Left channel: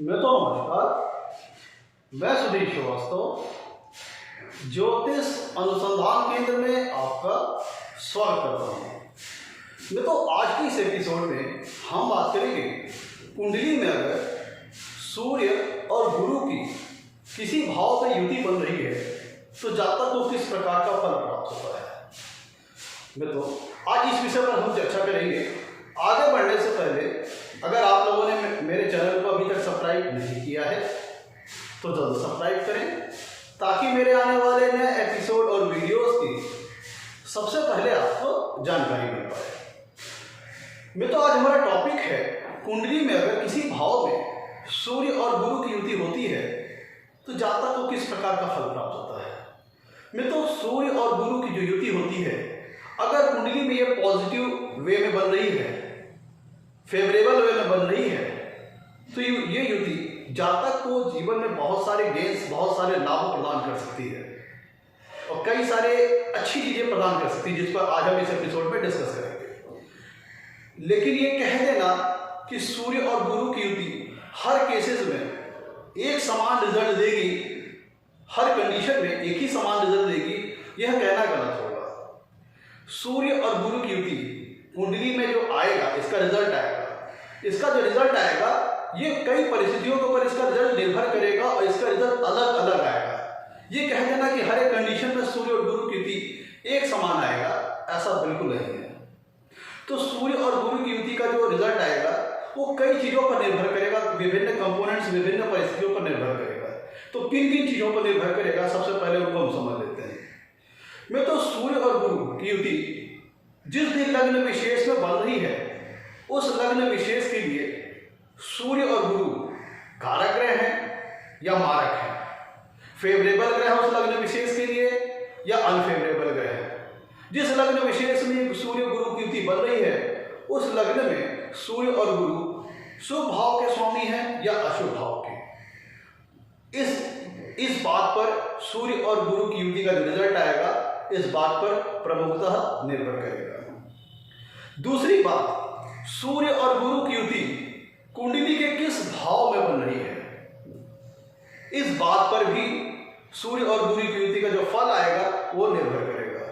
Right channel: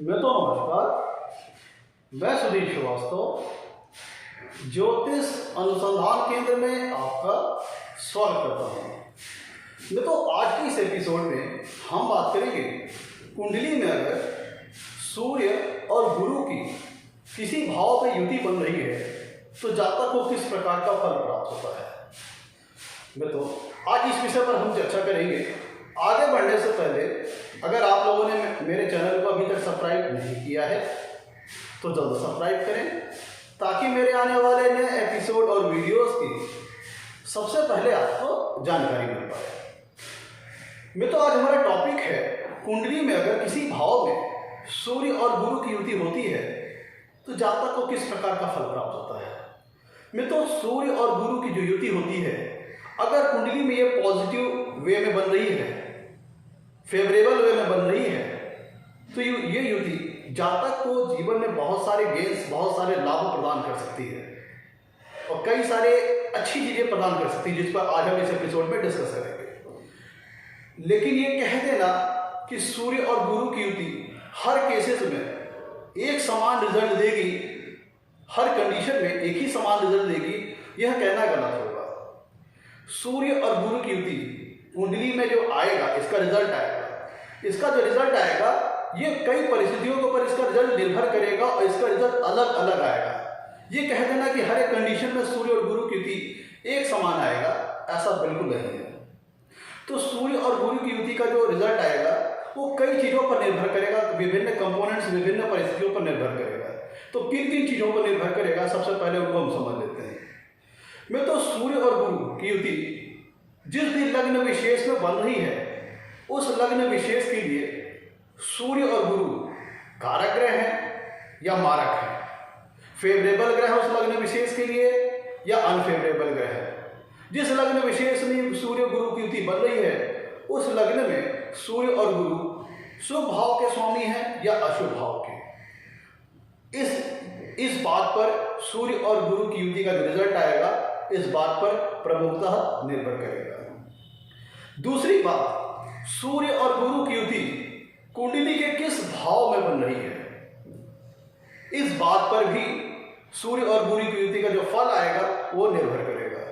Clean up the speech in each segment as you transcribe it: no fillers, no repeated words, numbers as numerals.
नमस्कार। मैं सुधीर श्रीवास्तव ज्योतिष अनुसंधान केंद्र में आपका स्वागत करता हूँ। आज की इस एपिसोड में हम बात करेंगे कुंडली में अगर सूर्य और गुरु की किसी भाव पर युति बन रही है तो जातक को किस प्रकार का फल प्राप्त होता है। आज इस विषय पर हम चर्चा करेंगे। आगे बढ़ने से पहले अगर आप लोगों ने मेरे चैनल को अभी तक सब्सक्राइब नहीं किया है तो जल्द सब्सक्राइब करें ताकि मेरे आने वाले नए एपिसोड और वीडियोस की सबसे पहले आपको जानकारी मिल पाए। आज हमारा टॉपिक है कुंडली में अगर किसी भाव में सूर्य और गुरु की युति होती है तो जातक को किस प्रकार का फल प्राप्त होता है। सूर्य और गुरु की जो युति होती है अगर कुंडली में ये पॉजिटिव वे में बन रही है, फेवरेबल वे में बन रही है तो ये युति जातक को जीवन में बहुत सारे गेन्स, बहुत सारे लाभ प्रदान कर सकती है और कई सारे अच्छी चीज़ें प्रदान कर सकती है जिस पर आज हम इस एपिसोड में डिस्कस करेंगे। लेकिन ये कह देना कि सूर्य और गुरु की युति हर केसेस में एक समान रिजल्ट देगी, हर कंडीशन में एक ही समान रिजल्ट देगी, यह कहना गलत होगा। सूर्य और गुरु की युति कुंडली में जो आएगा इसका रिजल्ट आएगा, इसका जो रिजल्ट आएगा ये कई परिस्थितियों के ऊपर इसका रिजल्ट निर्भर करेगा और इसका रिजल्ट अलग अलग आएगा। ये कह देना कि हर एक कंडीशन में सूर्य और गुरु की युति एक समान आएगा, ऐसा बिल्कुल नहीं है। तो सूर्य और गुरु की युति का जो रिजल्ट आएगा वो कई चीज़ों पर निर्भर करेगा, विभिन्न कंपोनेंट्स, विभिन्न परिस्थितियों पर निर्भर करेगा। तो किन किन चीज़ों पर निर्भर करेगा सबसे पहले उनको हम समझ लेते हैं। सूर्य और गुरु की युति जिस भी लग्न विशेष में बन रही है उस लग्न विशेष के लिए सूर्य और गुरु कारक ग्रह हैं या मारक हैं, फेवरेबल ग्रह है उस लग्न विशेष के लिए या अनफेवरेबल ग्रह है। जिस लग्न विशेष में सूर्य गुरु की युति बन रही है उस लग्न में सूर्य और गुरु शुभ भाव के स्वामी हैं या अशुभ भाव के। इस बात पर सूर्य और गुरु की युति का जो रिजल्ट आएगा इस बात पर प्रमुखतः निर्भर करेगा। दूसरी बात, सूर्य और गुरु की युति कुंडली के किस भाव में बन रही है इस बात पर भी सूर्य और गुरु की युति का जो फल आएगा वो निर्भर करेगा।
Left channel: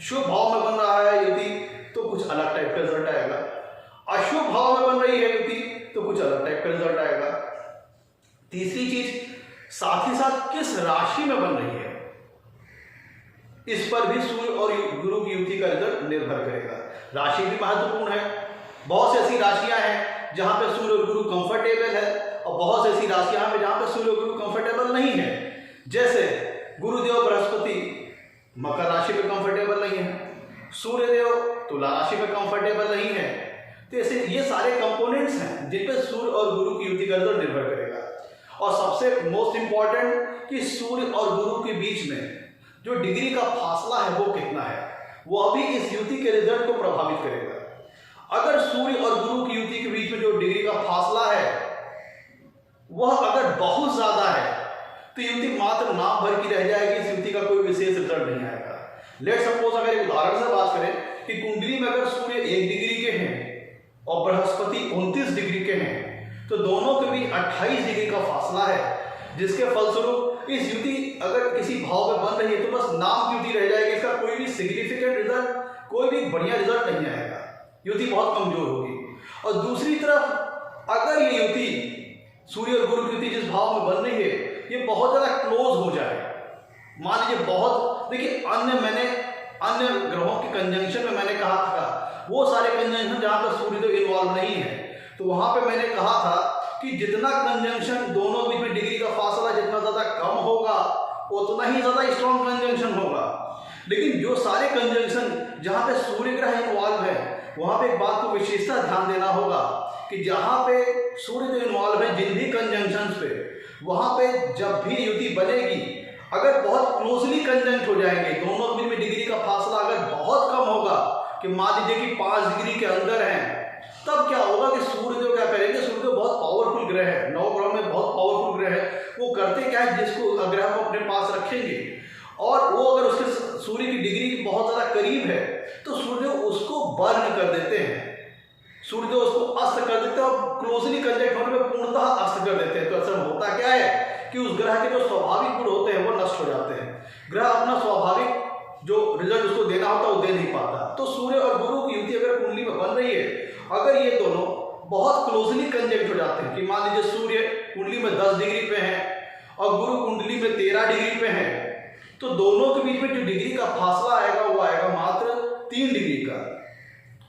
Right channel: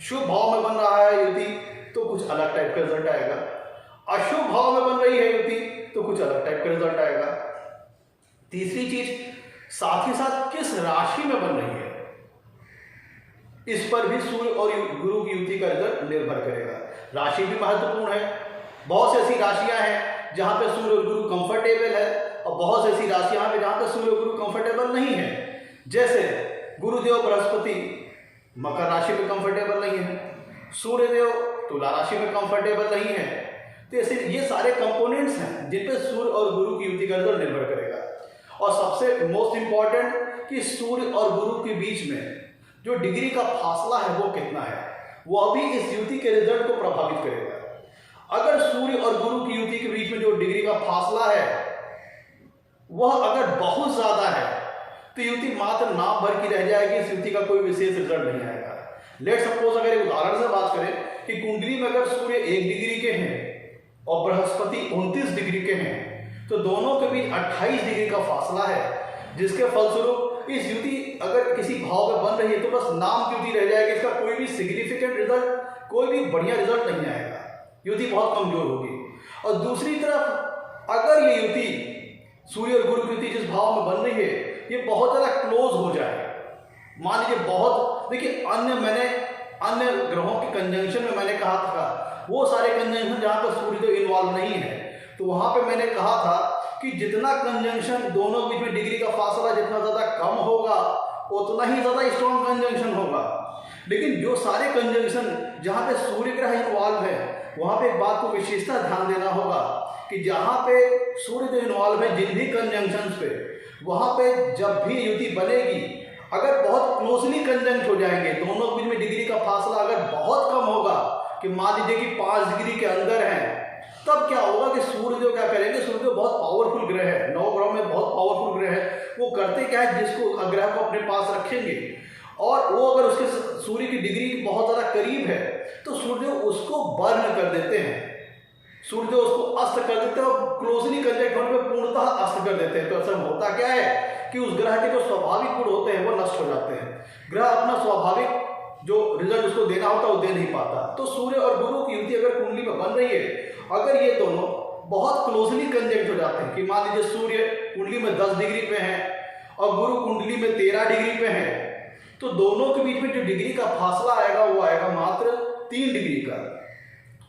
शुभ भाव में बन रहा है युति तो कुछ अलग टाइप का रिजल्ट आएगा, अशुभ भाव में बन रही है युति तो कुछ अलग टाइप का रिजल्ट आएगा। तीसरी चीज, साथ ही साथ किस राशि में बन रही है इस पर भी सूर्य और गुरु की युति का रिजल्ट निर्भर करेगा। राशि भी महत्वपूर्ण है। बहुत सी ऐसी राशियां हैं जहां पे सूर्य और गुरु कंफर्टेबल है और बहुत सी ऐसी राशियां हैं जहां पे सूर्य और गुरु कंफर्टेबल नहीं है। जैसे गुरुदेव बृहस्पति मकर राशि में कंफर्टेबल नहीं है, सूर्यदेव तुला राशि में कंफर्टेबल नहीं है। तो ऐसे ये सारे कंपोनेंट्स हैं जिन पे सूर्य और गुरु की युति का रिजल्ट निर्भर करेगा। और सबसे मोस्ट इंपॉर्टेंट कि सूर्य और गुरु के बीच में जो डिग्री का फासला है वो कितना है, वो अभी इस युति के रिजल्ट को प्रभावित करेगा। अगर सूर्य और गुरु की युति के बीच में जो डिग्री का फासला है वह अगर बहुत ज्यादा है तो युति मात्र नाम भर की रह जाएगी, इस युति का कोई विशेष रिजल्ट नहीं आएगा। लेट सपोज अगर एक उदाहरण से बात करें कि कुंडली में अगर सूर्य 1 डिग्री के हैं और बृहस्पति 29 डिग्री के हैं तो दोनों के बीच 28 डिग्री का फासला है, जिसके फलस्वरूप इस युति अगर किसी भाव में बन रही है तो बस नाम की युति रह जाएगी, इसका कोई भी सिग्निफिकेंट रिजल्ट, कोई भी बढ़िया रिजल्ट नहीं आएगा, युति बहुत कमजोर होगी। और दूसरी तरफ अगर ये युति सूर्य और गुरु की युति जिस भाव में बन रही है ये बहुत ज़्यादा क्लोज हो जाए, मान लीजिए बहुत, देखिए अन्य ग्रहों के कंजंक्शन में मैंने कहा था वो सारे कंजंक्शन जहाँ पर सूर्यदेव इन्वॉल्व नहीं है तो वहाँ पे मैंने कहा था कि जितना कंजंक्शन दोनों बीच में डिग्री का फासला जितना ज़्यादा कम होगा उतना ही ज़्यादा स्ट्रॉन्ग कंजंक्शन होगा। लेकिन जो सारे कंजंक्शन जहाँ पे सूर्य ग्रह इन्वॉल्व है वहाँ पे एक बात को विशेषता ध्यान देना होगा कि जहाँ पे सूर्यदेव इन्वॉल्व है जिन भी कंजंक्शन पे, वहाँ पे जब भी युति बनेगी अगर बहुत क्लोजली कंजंक्ट हो जाएंगे, दोनों बीच में डिग्री का फासला अगर बहुत कम होगा कि मान लीजिए कि 5 डिग्री के अंदर है, तब क्या होगा कि सूर्यदेव क्या करेंगे, सूर्यदेव बहुत पावरफुल ग्रह है, 9 ग्रहों में बहुत पावरफुल ग्रह है, वो करते क्या है जिसको ग्रह को अपने पास रखेंगे और वो अगर उसके सूर्य की डिग्री बहुत ज़्यादा करीब है तो सूर्यदेव उसको बर्न कर देते हैं, सूर्यदेव उसको अस्त कर देते हैं और क्लोजली कंजंक्ट होने पर पूर्ण पूर्णतः अस्त कर देते हैं। तो असल होता क्या है कि उस ग्रह के जो स्वाभाविक गुण होते हैं वो नष्ट हो जाते हैं। ग्रह अपना स्वाभाविक जो रिजल्ट उसको देना होता है वो दे नहीं पाता। तो सूर्य और गुरु की युति अगर कुंडली में बन रही है, अगर ये दोनों बहुत क्लोजली कंजंक्ट हो जाते हैं कि मान लीजिए सूर्य कुंडली में 10 डिग्री पे है और गुरु कुंडली में 13 डिग्री पे है, तो दोनों के बीच में जो डिग्री का फासला आएगा वो आएगा मात्र 3 डिग्री का।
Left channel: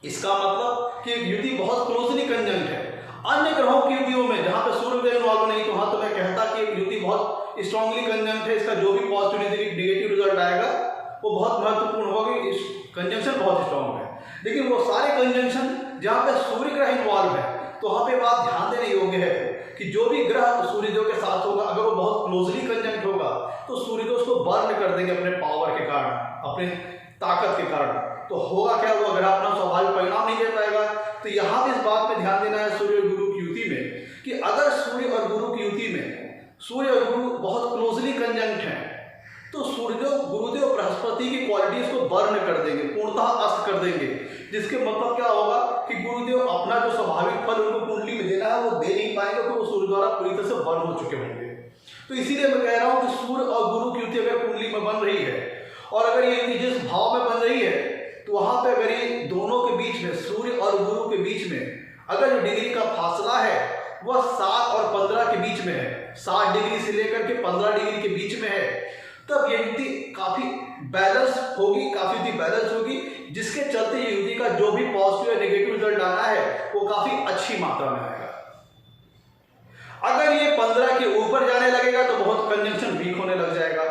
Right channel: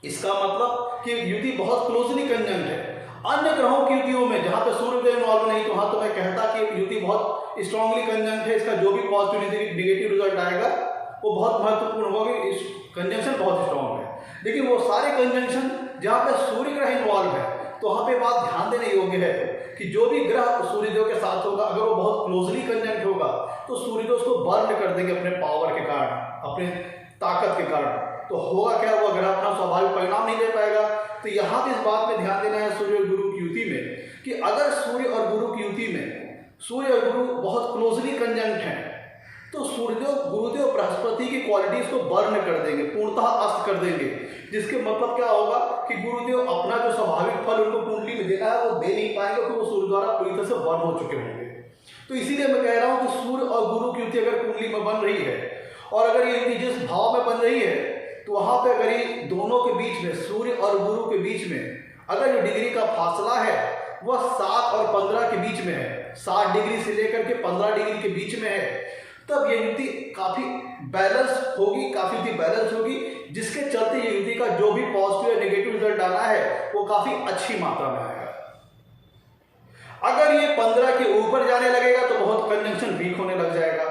इसका मतलब कि युति बहुत क्लोजली कंजंक्ट है। अन्य ग्रहों की युतियों में जहां पे सूर्य इन्वॉल्व नहीं, तो वहां तो मैं कहता कि युति बहुत स्ट्रांगली कंजंक्ट है, इसका जो भी पॉजिटिव नेगेटिव रिजल्ट आएगा वो बहुत महत्वपूर्ण होगा, इस कंजंक्शन बहुत स्ट्रांग है। लेकिन वो सारे कंजंक्शन जहां पे सूर्य ग्रह इन्वॉल्व है, तो वहां पे बात ध्यान देने योग्य है कि जो भी ग्रह सूर्यदेव के साथ होगा, अगर वो बहुत क्लोजली कंजंक्ट होगा तो सूर्यदेव उसको बर्न कर देंगे अपने पावर के कारण, अपने ताकत के कारण। तो होगा क्या, वो ग्रह अपना स्वाभाविक परिणाम नहीं दे पाएगा। तो यहाँ इस बात पे ध्यान देना है सूर्य और गुरु की युति में कि अगर सूर्य और गुरु की युति में सूर्य और गुरु बहुत क्लोजली कंजंक्ट हैं, तो सूर्यदेव गुरुदेव बृहस्पति की क्वालिटीज को बर्न कर देंगे, पूर्णतः अस्त कर देंगे। जिसके मतलब क्या होगा कि गुरुदेव अपना जो स्वाभाविक फल उनको कुंडली में देना है वो दे नहीं पाएंगे, तो वो सूर्य द्वारा पूरी तरह से बर्न हो चुके होंगे। तो इसीलिए मैं कह रहा हूँ कि सूर्य और गुरु की युति अगर कुंडली में बन रही है और अगर ये युति जिस भाव में बन रही है, तो वहां पे अगर ये दोनों के बीच में, सूर्य और गुरु के बीच में अगर जो डिग्री का फासला है वह 7 और 15 के बीच में है, 7 डिग्री से लेकर के 15 डिग्री के बीच में है, तब ये युति काफी बैलेंस होगी, काफी युति बैलेंस होगी, जिसके चलते ये युति का जो भी पॉजिटिव या नेगेटिव रिजल्ट आना है वो काफी अच्छी मात्रा में आएगा। अगर ये 15 के ऊपर जाने लगेगा तो बहुत कंजंक्शन वीक होने लग जाएगा,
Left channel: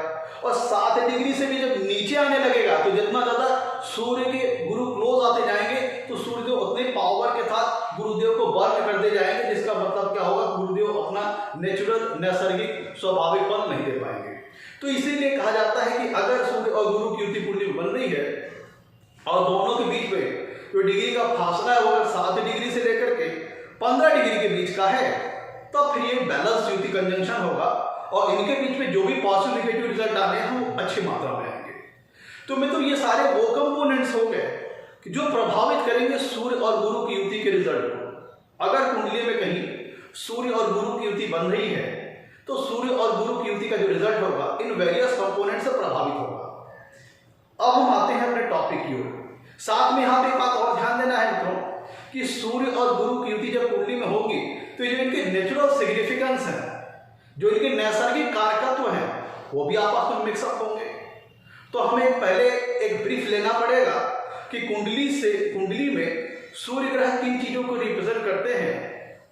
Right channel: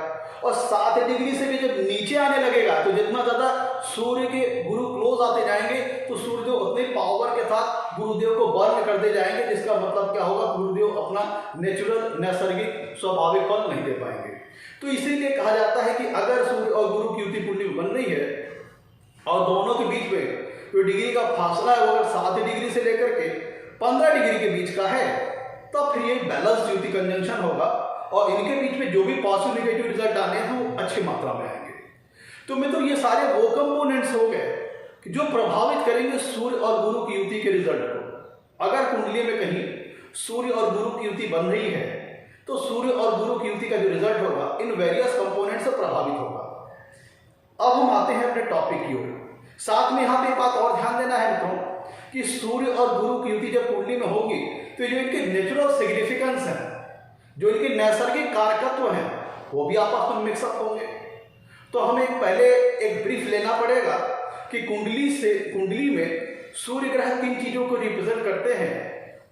और 7 डिग्री से भी जब नीचे आने लगेगा तो जितना ज्यादा सूर्य के गुरु क्लोज आते जाएंगे तो सूर्यदेव उतने पावर के साथ गुरुदेव को बर्न करते जाएंगे, जिसका मतलब क्या होगा, गुरुदेव अपना नेचुरल नैसर्गिक स्वाभाविक फल नहीं दे पाएंगे। तो इसीलिए कहा जाता है कि अगर सूर्य और गुरु की युति कुंडली बन रही है और दोनों के बीच में जो डिग्री का फासला है वो अगर 7 डिग्री से लेकर के 15 डिग्री के बीच का है, तब फिर ये बैलेंस युति कंजंक्शन होगा और इनके बीच में जो भी पॉजिटिव नेगेटिव रिजल्ट आने हैं वो अच्छी मात्रा में आएंगे। तो मित्रों ये सारे वो कंपोनेंट्स हो गए कि जो प्रभावित करेंगे सूर्य और गुरु की युति के रिजल्ट को। अगर कुंडली में कहीं सूर्य और गुरु की युति बन रही है तो सूर्य और गुरु की युति का जो रिजल्ट होगा इन वेरियस कंपोनेंट से प्रभावित होगा। अब हम आते हैं अपने टॉपिक की ओर। साथ में यहाँ पे एक बात और ध्यान देना है मित्रों कि सूर्य और गुरु की युति जब कुंडली में होगी तो जो इनके नेचुरल सिग्निफिकेंस है, जो इनके नैसर्गिक कारकत्व हैं, वो भी आपस में मिक्सअप होंगे। तो हमें पहले एक ब्रीफ लेना पड़ेगा कि कुंडली में सूर्य ग्रह किन चीजों को रिप्रेजेंट करते हैं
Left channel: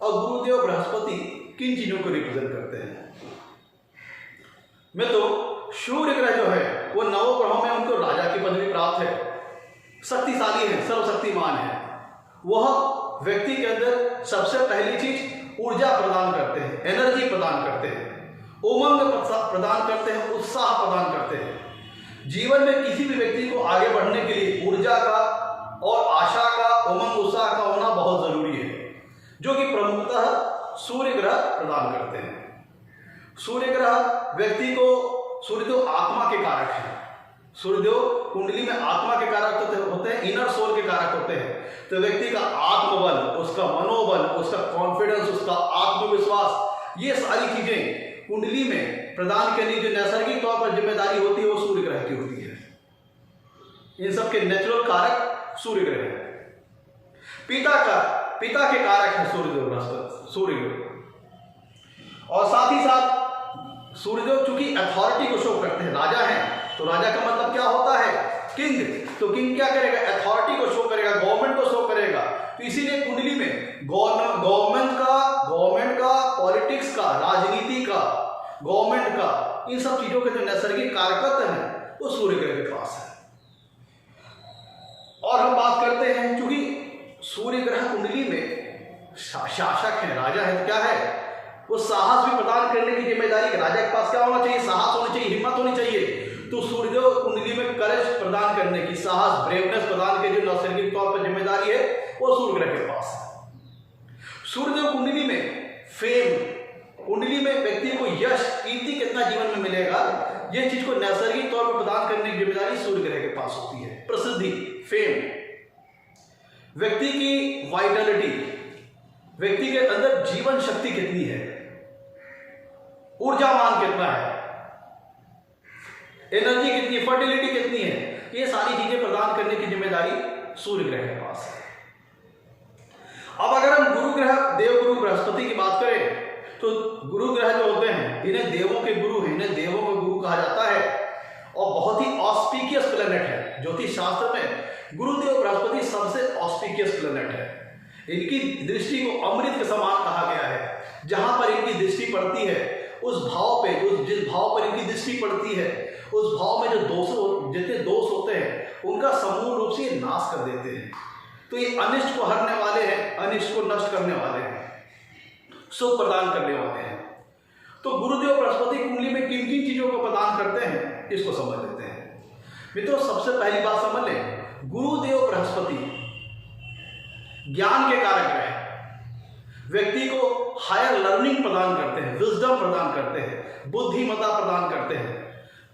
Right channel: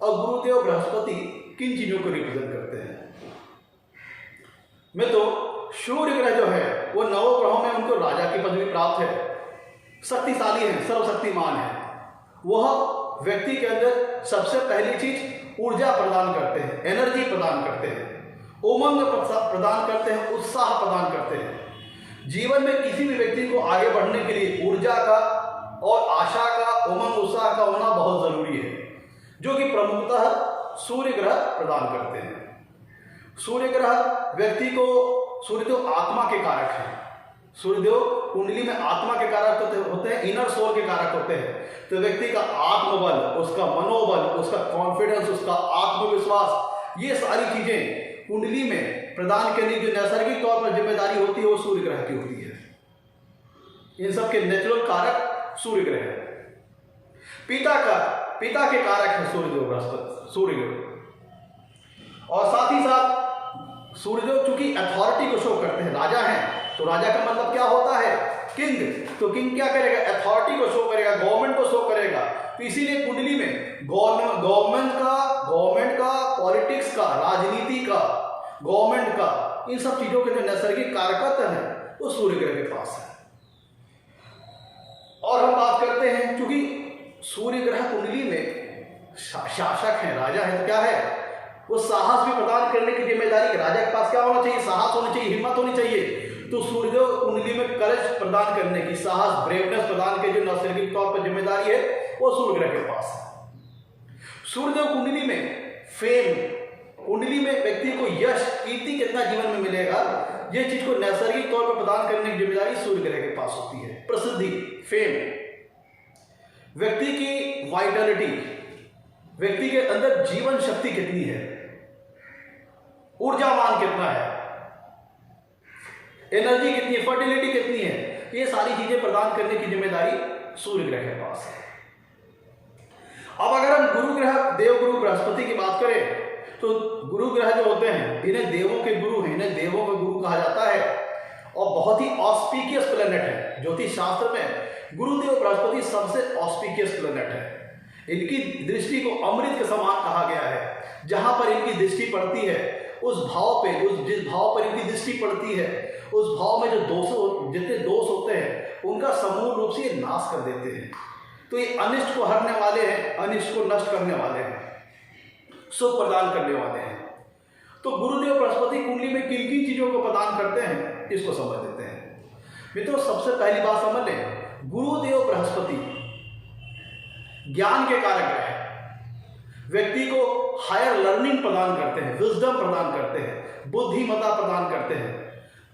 और गुरुदेव बृहस्पति किन चीजों को रिप्रेजेंट करते हैं। मित्रों सूर्य ग्रह जो है वो 9 ग्रहों में उनको राजा की पदवी प्राप्त है, शक्तिशाली है, सर्वशक्तिमान है। वह व्यक्ति के अंदर सबसे पहली चीज ऊर्जा प्रदान करते हैं, एनर्जी प्रदान करते हैं, उमंग प्रदान करते हैं, उत्साह प्रदान करते हैं। जीवन में किसी भी व्यक्ति को आगे बढ़ने के लिए ऊर्जा का और आशा का, उमंग उत्साह का होना बहुत जरूरी है, जो कि प्रमुखतः सूर्य ग्रह प्रदान करते हैं। सूर्य ग्रह व्यक्ति को, सूर्यदेव आत्मा के कारक है। सूर्यदेव कुंडली में आत्मा के कारक होते हैं, इनर सोल के कारक होते हैं। तो व्यक्ति का आत्मबल, उसका मनोबल, उसका कॉन्फिडेंस, उसका आत्मविश्वास, ये सारी चीजें कुंडली में प्रदान करने की जो नैसर्गिक तौर पर जिम्मेदारी होती है वो सूर्य ग्रह की होती है। इन सबके नेचुरल कारक सूर्य ग्रह है। पिता के कारक है सूर्यदेव बृहस्पति, सूर्यदेव। और साथ ही साथ सूर्यदेव चूंकि अथॉरिटी को शो करते हैं, राजा हैं, तो राजा का मतलब क्या होता है, किंग। तो किंग क्या करेगा, अथॉरिटी को शो करेगा, गवर्नमेंट को शो करेगा। तो इसीलिए कुंडली में गवर्नमेंट का, पॉलिटिक्स का, राजनीति का, गवर्नमेंट का, इन सब चीजों के जो नैसर्गिक कारकत्व हैं वो सूर्य ग्रह के पास है। और हम बात करते हैं, क्योंकि सूर्य ग्रह कुंडली में शासक है, राजा है, तो क्या है, वो साहस भी प्रदान करने की जिम्मेदारी। राजा के पास क्या होना चाहिए, साहस होना चाहिए, हिम्मत होनी चाहिए। तो सूर्यदेव कुंडली में करेज प्रदान करने की, साहस, ब्रेवनेस प्रदान करने की जो नैसर्गिक तौर पर जिम्मेदारी है वो सूर्य ग्रह के पास है। सूर्यदेव कुंडली में फेम, कुंडली में व्यक्ति को यश, कीर्ति कितना जीवन में मिलेगा, ये चीज को नैसर्गिक तौर पर प्रदान करने की जिम्मेदारी सूर्य ग्रह के पास होती है। प्रसिद्धि, फेम, व्यक्ति की वाइटलिटी, व्यक्ति के अंदर जीवन शक्ति कितनी है, ऊर्जावान कितना है, एनर्जी कितनी है, फर्टिलिटी कितनी है, ये सारी चीजें प्रदान करने की जिम्मेदारी सूर्य ग्रह के पास है। अब अगर हम गुरु ग्रह देवगुरु बृहस्पति की बात करें तो गुरु ग्रह जो होते हैं इन्हें देवों के गुरु हैं, इन्हें देवों के गुरु कहा जाता है और बहुत ही ऑस्पिशियस प्लेनेट है। ज्योतिष शास्त्र में गुरुदेव बृहस्पति सबसे ऑस्पिशियस प्लेनेट है। इनकी दृष्टि को अमृत के समान कहा गया है। जहां पर इनकी दृष्टि पड़ती है उस भाव पे, जिस भाव पर इनकी दृष्टि पड़ती है उस भाव में जो जितने दोष होते हैं उनका समूल रूप से नाश कर देते हैं। तो ये अनिष्ट को हरने वाले हैं, अनिष्ट को नष्ट करने वाले हैं, सुख प्रदान करने वाले हैं। तो गुरुदेव बृहस्पति कुंडली में किन किन चीजों को प्रदान करते हैं इसको समझ लेते हैं। मित्रों, सबसे पहली बात समझ लें, गुरुदेव बृहस्पति ज्ञान के कारक ग्रह है। व्यक्ति को हायर लर्निंग प्रदान करते हैं, विजडम प्रदान करते हैं, बुद्धिमत्ता प्रदान करते हैं,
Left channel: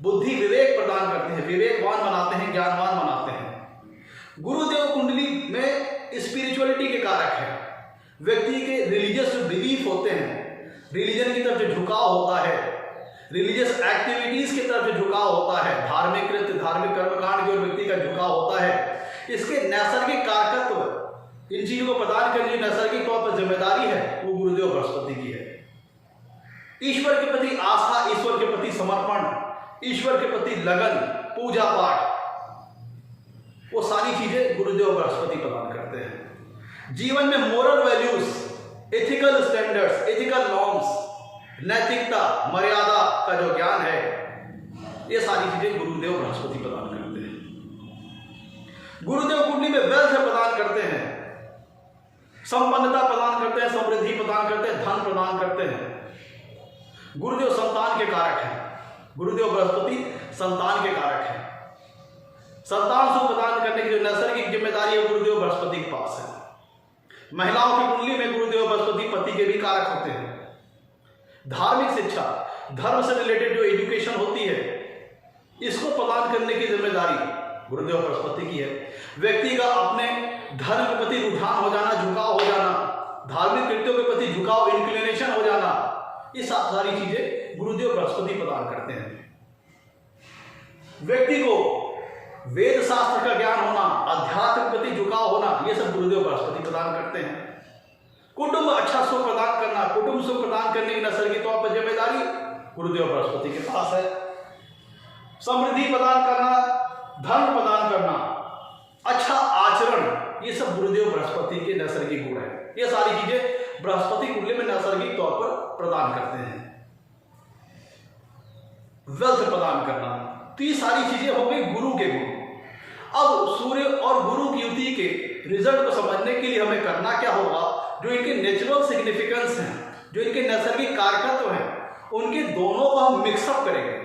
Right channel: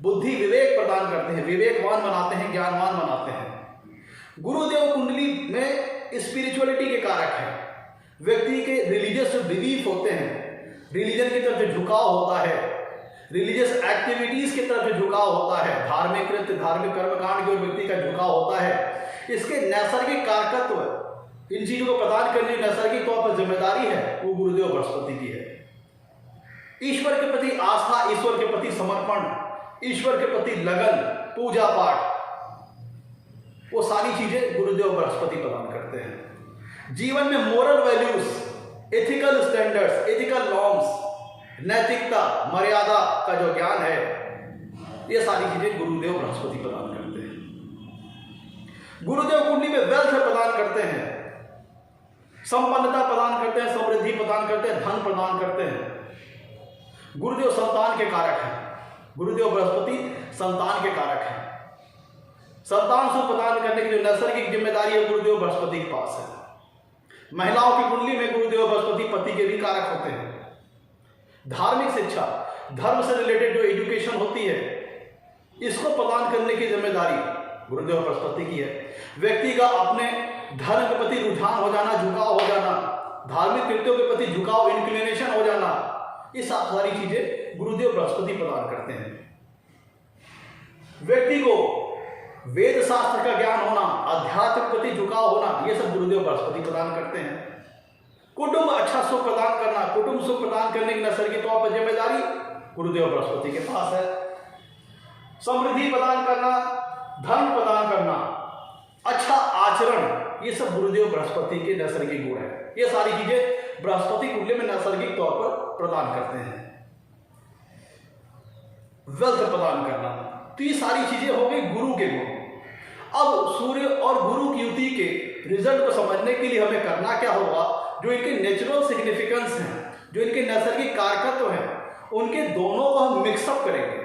बुद्धि विवेक प्रदान करते हैं, विवेकवान बनाते हैं, ज्ञानवान बनाते हैं। गुरुदेव कुंडली में स्पिरिचुअलिटी के कारक है। व्यक्ति के रिलीजियस जो बिलीफ होते हैं, रिलीजन की तरफ जो झुकाव होता है, रिलीजियस एक्टिविटीज की तरफ जो झुकाव होता है, धार्मिक कृत्य, धार्मिक कर्मकांड की ओर व्यक्ति का झुकाव होता है, इसके नैसर्गिक कारकत्व, इन चीजों को प्रदान करने की नैसर्गिक तौर पर जिम्मेदारी है वो गुरुदेव बृहस्पति की है। ईश्वर के प्रति आस्था, ईश्वर के प्रति समर्पण, ईश्वर के प्रति लगन, पूजा पाठ, वो सारी चीजें गुरुदेव बृहस्पति प्रदान करते हैं। जीवन में moral values, ethical standards, ethical norms, नैतिकता, मर्यादा का जो ज्ञान है, ये सारी चीजें गुरुदेव बृहस्पति प्रदान करते हैं। गुरुदेव कुंडली में वेल्थ प्रदान करते हैं, संपन्नता प्रदान करते हैं, समृद्धि प्रदान करते हैं, धन प्रदान करते हैं। गुरुदेव संतान के कारक हैं। गुरुदेव बृहस्पति संतान के कारक हैं। संतान सुख प्रदान करने की जो नैसर्गिक जिम्मेदारी है गुरुदेव बृहस्पति के पास है। महिलाओं की कुंडली में गुरुदेव बृहस्पति पति के भी कारक होते हैं। धार्मिक शिक्षा, धर्म से रिलेटेड जो एजुकेशन होती है, इसको प्रदान करने की जिम्मेदारी गुरुदेव बृहस्पति की है। व्यक्ति का अपने धर्म के प्रति रुझान हो जाना, झुकाव हो जाना, धार्मिक कृत्यों के प्रति झुकाव, इंक्लिनेशन हो जाना, ये सारी चीजें गुरुदेव बृहस्पति प्रदान करते हैं। व्यक्ति को वेद शास्त्र का ज्ञान होना, अध्यात्म के प्रति झुकाव होना, ये सब गुरुदेव बृहस्पति प्रदान करते हैं। कुटुंब अच्छा सुख प्रदान करना, कुटुंब सुख प्रदान करने की नैसर्गिक तौर पर जिम्मेदारी गुरुदेव बृहस्पति के पास है। समृद्धि प्रदान करना, धन प्रदान करना, अच्छा आचरण, ये सब गुरुदेव बृहस्पति के नैसर्गिक गुण है। ये सारी चीजें बृहस्पति कुंडली में नैसर्गिक तौर पर प्रदान करते हैं। वेल्थ प्रदान करना, तो ये सारी चीजें हो गई गुरु के गुण। अब सूर्य और गुरु की युति के रिजल्ट को समझने के लिए हमें करना क्या होगा, जो इनके नेचुरल सिग्निफिकेंस हैं, जो इनके नैसर्गिक कारकत्व हैं, उनके दोनों को हम मिक्सअप करेंगे।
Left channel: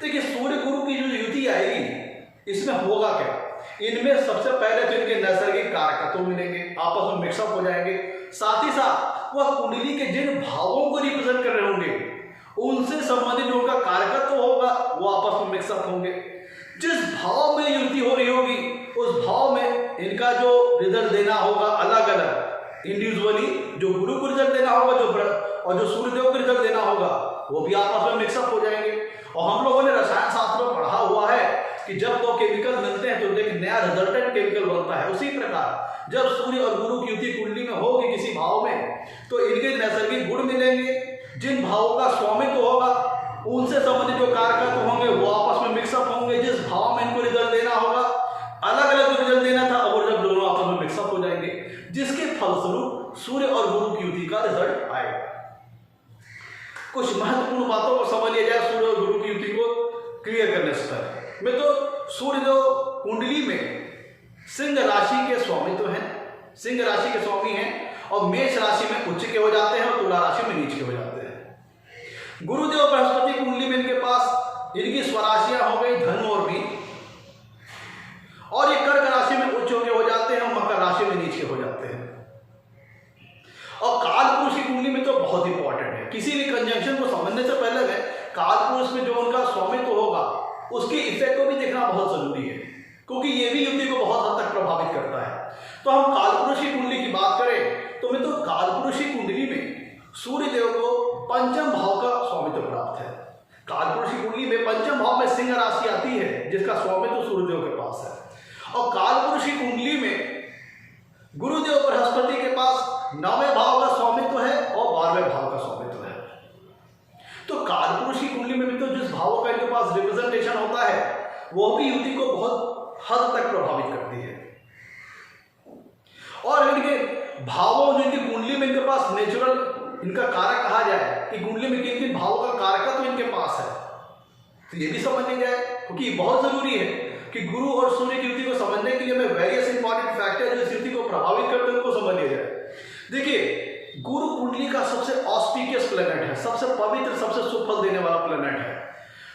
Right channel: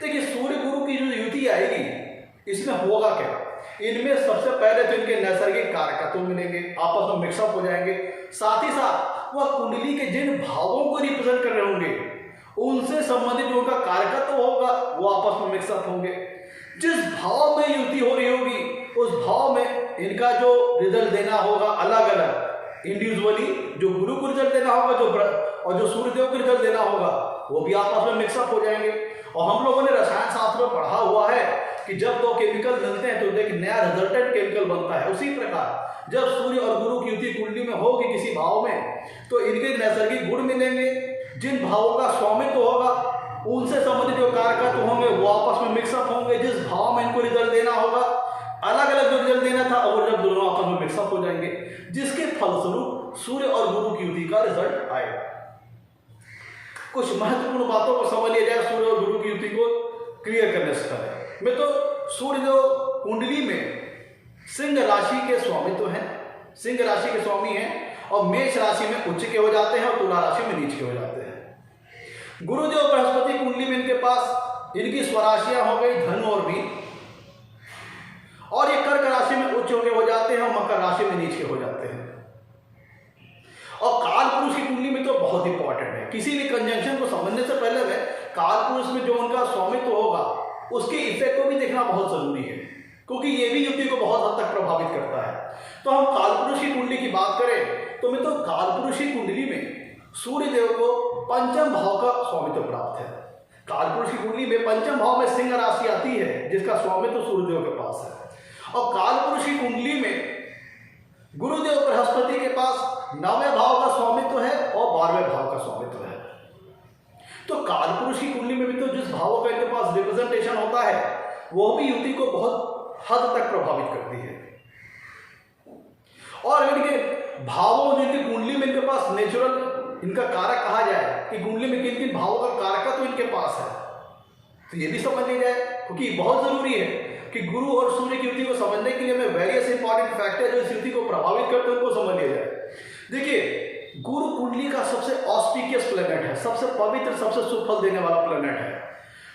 देखिए, सूर्य गुरु की जो युति आएगी, इसमें होगा क्या, इनमें सबसे पहले तो इनके नैसर्गिक कारकत्व मिलेंगे, आपस में मिक्सअप हो जाएंगे। साथ ही साथ वह कुंडली के जिन भावों को रिप्रेजेंट कर रहे होंगे, उनसे संबंधित जो उनका कारकत्व होगा, वो आपस में मिक्सअप होंगे। जिस भाव में युति हो रही होगी, उस भाव में इनका जो रिजल्ट देना होगा अलग अलग, इंडिविजुअली जो गुरु को रिजल्ट देना होगा, और जो सूर्यदेव को रिजल्ट देना होगा, वो भी आपस में मिक्सअप हो जाएंगे। और हम लोगों ने रसायन शास्त्र में पढ़ा हुआ है कि जब दो केमिकल मिलते हैं तो एक नया रिजल्टेंट केमिकल बनता है। उसी प्रकार जब सूर्य और गुरु की युति कुंडली में होगी किसी भाव में, तो इनके नैसर्गिक गुण मिलेंगे। जिन भावों का स्वामित्व होगा, उनसे संबंधित जो कारकत्व होंगे, वो आपस में मिक्सअप होंगे। जिस भाव में इनको रिजल्ट देना होगा, अलग अलग जो रिजल्ट देना था, और जब दोनों आपस में मिक्सअप हो जाएंगे, जिसके फलस्वरूप सूर्य और गुरु की युति का रिजल्ट आएगा। कुछ महत्वपूर्ण बातों को समझ लिया जाए सूर्य और गुरु की युति को क्लियर करने से पहले में। तो सूर्य जो कुंडली में सिंह राशि के स्वामित्व हैं, सिंह राशि के स्वामी हैं, और मेष राशि में उच्च के हो जाते हैं और तुला राशि में नीच के हो जाते हैं। गुरुदेव बृहस्पति कुंडली में इनके पास इनकी स्वराशियां हो गई धनु और मीन, और ये कर्क राशि में उच्च के हो जाते हैं और मकर राशि में नीच के हो जाते हैं। और काल पुरुष की कुंडली में तो बहुत इंपॉर्टेंट है। किसी भी कंजंक्शन को समझने से पहले में काल पुरुष में जो उनका स्वामित्व होगा, उसके इफेक्ट को भी देखना बहुत जरूरी है, क्योंकि ये भी युति को बहुत हद तक प्रभावित करता है। तो हम काल पुरुष की कुंडली की बात करें तो मैं तो काल पुरुष की कुंडली में सूर्य देव को पंचम भाव का स्वामित्व प्राप्त है। कालपुरुष की कुंडली में पंचम भाव में सिंह राशि आती है जिसका स्वामित्व सूर्यदेव के पास है, और कालपुरुष की कुंडली में गुरुदेव बृहस्पति के पास 9वें भाव का स्वामित्व है और 12वें भाव का स्वामित्व है। तो कालपुरुष की कुंडली में भी तो जिस भावों का इनके पास रिप्रेजेंटेशन होता है वो भी युति को बहुत हद तक प्रभावित करती है। और इनके भावों जिनकी कुंडली में इनके पास नेचुरल इनका कारक कहा जाए कि कुंडली में किन किन भावों का कारक तो इनके पास है, तो ये भी समझ लिया जाए, क्योंकि बहुत जरूरी है कि गुरु और सूर्य की युति को समझने के लिए हमें वेरियस इंपॉर्टेंट फैक्टर जो इस युति को प्रभावित करते हैं उनको समझ लिया जाए। देखिए, गुरु कुंडली का सबसे ऑस्पिशियस प्लैनेट है, सबसे पवित्र, सबसे सुफल देने वाला प्लैनेट है।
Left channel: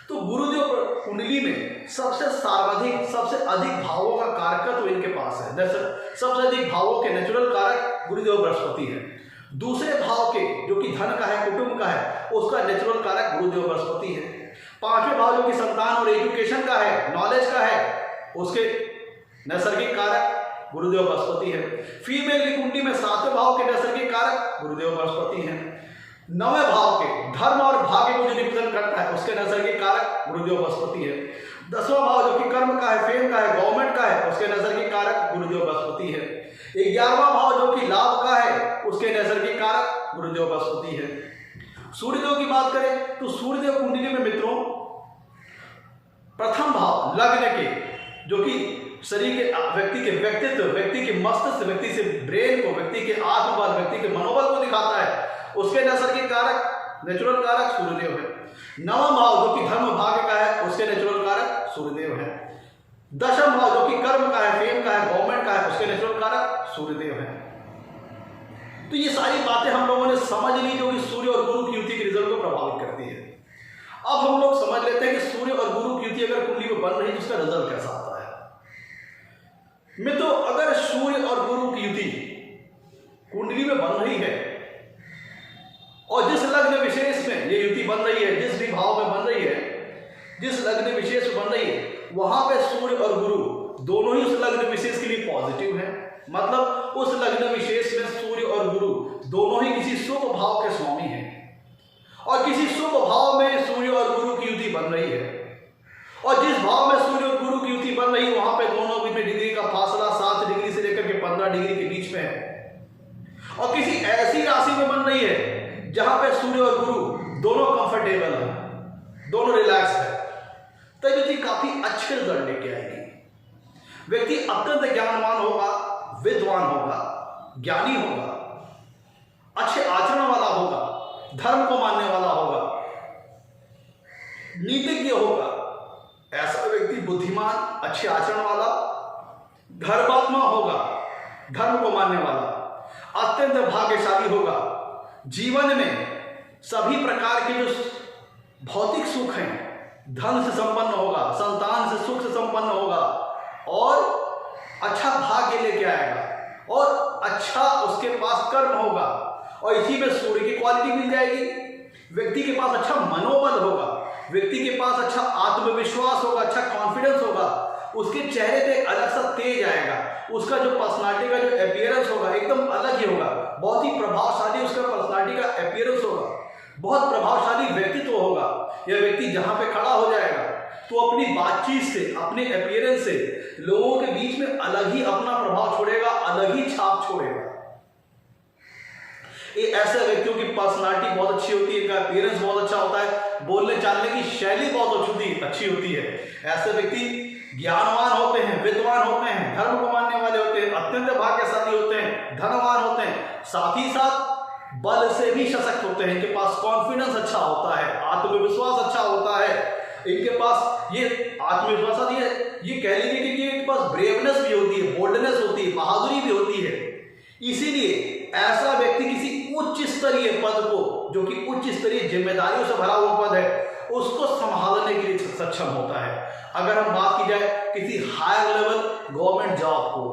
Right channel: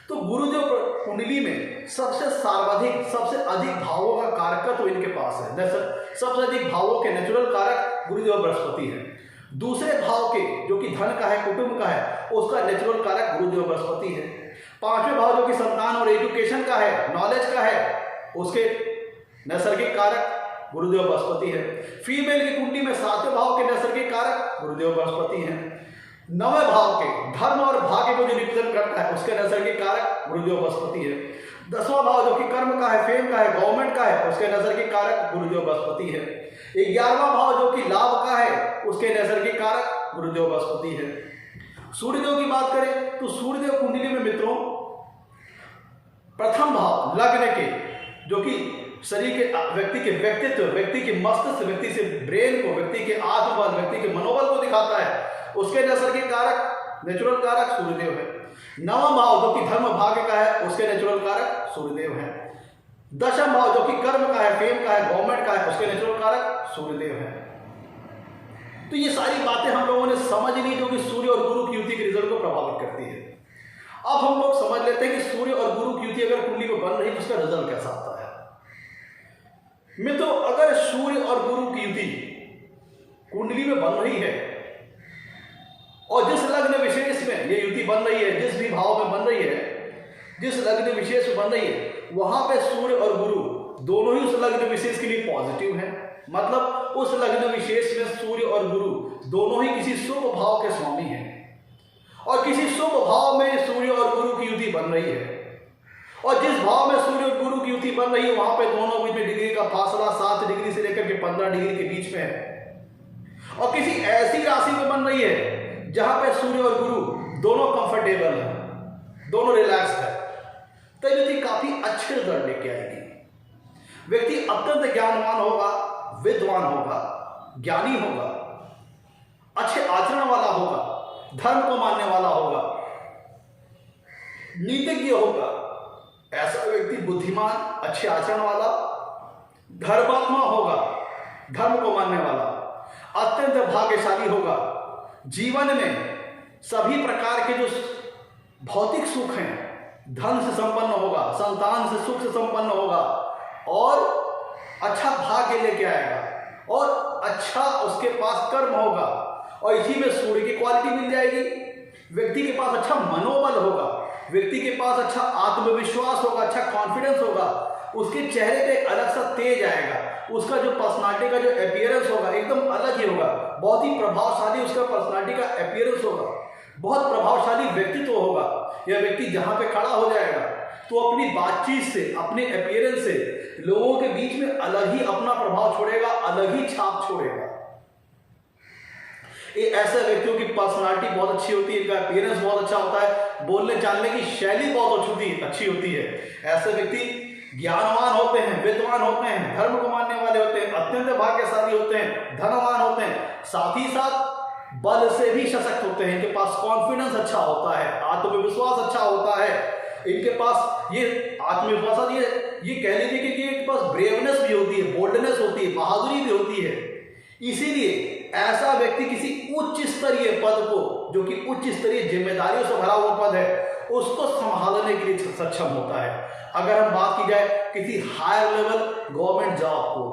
तो गुरुदेव कुंडली में सबसे सर्वाधिक, सबसे अधिक भावों का कारकत्व इनके पास है। सबसे अधिक भावों के नेचुरल कारक गुरुदेव बृहस्पति है। दूसरे भाव के जो कि धन का है, कुटुंब का है, उसका नेचुरल कारक गुरुदेव बृहस्पति है। 5वें भाव जो कि संतान और एजुकेशन का है, नॉलेज का है, उसके नैसर्गिक कारक गुरुदेव बृहस्पति है। फीमेल की कुंडली में 7वें भाव के नैसर्गिक कारक गुरुदेव बृहस्पति हैं। 9वें भाव के धर्म और भाग्य को जो रिप्रेजेंट करता है उसके नैसर्गिक कारक गुरुदेव बृहस्पति है। 10वां भाव जो कि कर्म का है, फेम का है, गवर्नमेंट का है, उसके नैसर्गिक कारक गुरुदेव बृहस्पति है। 11वां भाव जो कि लाभ का है, उसके नैसर्गिक कारक गुरुदेव बृहस्पति है। सूर्यदेव की बात करें तो सूर्यदेव कुंडली में मित्रों प्रथम भाव लग्न के जो कि शरीर के व्यक्ति के व्यक्तित्व, व्यक्ति के मस्तिष्क, व्यक्ति से ब्रेन को, व्यक्ति के आत्मबल, व्यक्ति के मनोबल को दिखाता है, उसके नैसर्गिक कारक, नेचुरल कारक सूर्यदेव है। 9वां भाव जो कि धर्म भाग्य का है, उसके नेचुरल कारक सूर्यदेव है। 10वां भाव जो कि कर्म का है, फेम का है, गवर्नमेंट का है, उसके नेचुरल कारक सूर्यदेव है। तो ये सारी बातें हम लोगों ने समझ ली जो कि सूर्य और गुरु की युति के रिजल्ट को प्रभावित करती है। अब हम लोग समझ लेते हैं कि सूर्य और गुरु की युति अगर कुंडली में बन रही है उसका रिजल्ट कैसा आता है। मित्रों, अगर सूर्य और गुरु की युति कुंडली में बन रही है और जिस लग्न विशेष में ये युति बन रही है, जिस भी भाव में बन रही है, जिस लग्न विशेष में बन रही है, वहां पे सूर्य और गुरु दोनों ही उस लग्न विशेष के लिए पॉजिटिव है। मतलब उस लग्न विशेष में सूर्य और गुरु दोनों ही किसी शुभ भाव के स्वामी हैं, और किसी शुभ भाव में सूर्य और गुरु की युति बन रही है, और जिस भाव में सूर्य और गुरु की युति बन रही है वहां पे दोनों बीच में डिग्री का फासला 7 डिग्री से लेकर के 15 डिग्री के बीच में है, और किसी ऐसी राशि में बन रही है जहां पे सूर्य और गुरु दोनों कंफर्टेबल है, दोनों रिलैक्स है, तो युति काफी अच्छे रिजल्ट लेके आएगी। व्यक्ति अत्यंत ज्ञानवान होगा, विद्वान होगा, ज्ञानी होगा, अच्छे आचरण वाला होगा, धर्म को मानने वाला होगा, नीतिज्ञ होगा। ऐसा व्यक्ति बुद्धिमान, अच्छे आचरण वाला, धर्मात्मा होगा, धर्म को मानने वाला, अत्यंत भाग्यशाली होगा। जीवन में सभी प्रकार के जो भौतिक सुख हैं, धन से संपन्न होगा, संतान से सुख से संपन्न होगा, और अच्छा भाग्य लेके आएगा, और अच्छा उसके पास कर्म होगा, और इसी में सूर्य की क्वालिटी मिल जाएगी। व्यक्ति के पास अच्छा मनोबल होगा, व्यक्ति के पास अच्छा आत्मविश्वास होगा, अच्छा कॉन्फिडेंस होगा, उसके चेहरे पे एक अलग सा तेज आएगा, उसका जो पर्सनालिटी का जो अपीयरेंस होगा एकदम अलग ही होगा, बहुत ही प्रभावशाली उसका पर्सनालिटी का अपीयरेंस होगा, बहुत प्रभावशाली व्यक्तित्व होगा। यह व्यक्ति जहां पे खड़ा हो जाएगा तो अपनी बातचीत से, अपने अपीयरेंस से लोगों के बीच में अलग ही अपना प्रभाव छोड़ेगा, अलग ही छाप छोड़ेगा। ये ऐसे व्यक्तियों की पर्सनालिटी बहुत अच्छी होती है, इनका अपीयरेंस बहुत अच्छा होता है, बोलने चालने की शैली बहुत अच्छी होती है। ऐसे व्यक्ति ज्ञानवान होते हैं, विद्वान होते हैं, धर्म को मानने वाले होते हैं, अत्यंत भाग्यशाली होते हैं, धनवान होते हैं, साथ ही साथ बल से भी सशक्त होते हैं। इनके पास कॉन्फिडेंस अच्छा होता है, आत्मविश्वास अच्छा होता है, इनके पास ये आत्मविश्वास, ये कह लीजिए कि इनके पास ब्रेवनेस भी होती है, बोल्डनेस होती है, बहादुरी भी होती है। इसीलिए ऐसा व्यक्ति किसी उच्च स्तरीय पद को, जो कि उच्च स्तरीय जिम्मेदारियों से भरा हुआ पद है, उसको संभालने के लिए सक्षम होता है। अगर हम बात की जाए किसी हायर लेवल गवर्नमेंट जॉब को,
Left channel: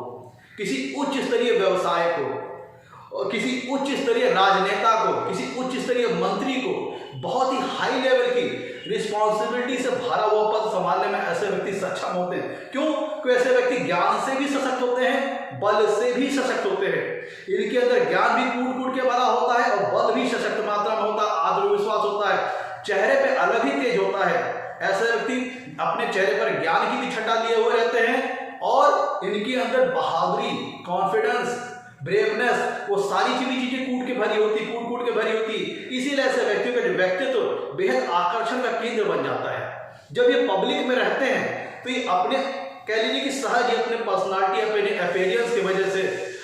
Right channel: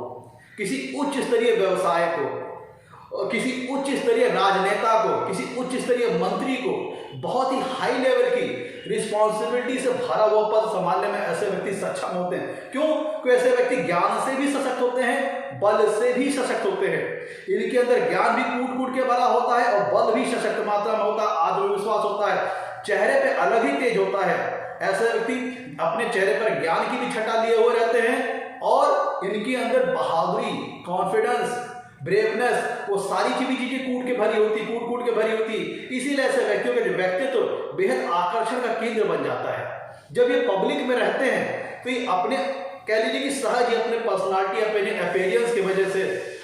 किसी उच्च स्तरीय व्यवसाय को, और किसी उच्च स्तरीय राजनेता को, किसी उच्च स्तरीय मंत्री को बहुत ही हाई लेवल की रिस्पॉन्सिबिलिटी से भरा हुआ पद संभालने में ऐसे व्यक्ति सक्षम होते हैं। क्यों? क्योंकि ऐसे व्यक्ति ज्ञान से भी सशक्त होते हैं, बल से भी सशक्त होते हैं। इनके अंदर ज्ञान भी कूट कूट के भरा होता है और बल भी सशक्त मात्रा में होता है, आत्मविश्वास होता है, चेहरे पे अलग ही तेज होता है। ऐसे व्यक्ति अपने चेहरे पर ज्ञान की भी छटा लिए हुए रहते हैं और इनके अंदर बहादुरी, कॉन्फिडेंस, ब्रेवनेस, वो सारी चीजें कूट के भरी होती। इसीलिए ऐसे व्यक्तियों का व्यक्तित्व बेहद आकर्षण का केंद्र बन जाता है। जब ये पब्लिक में रहते हैं तो ये अपने कह लीजिए कि सहज ही अपने पर्सनालिटी, अपने अपीयरेंस की वजह से,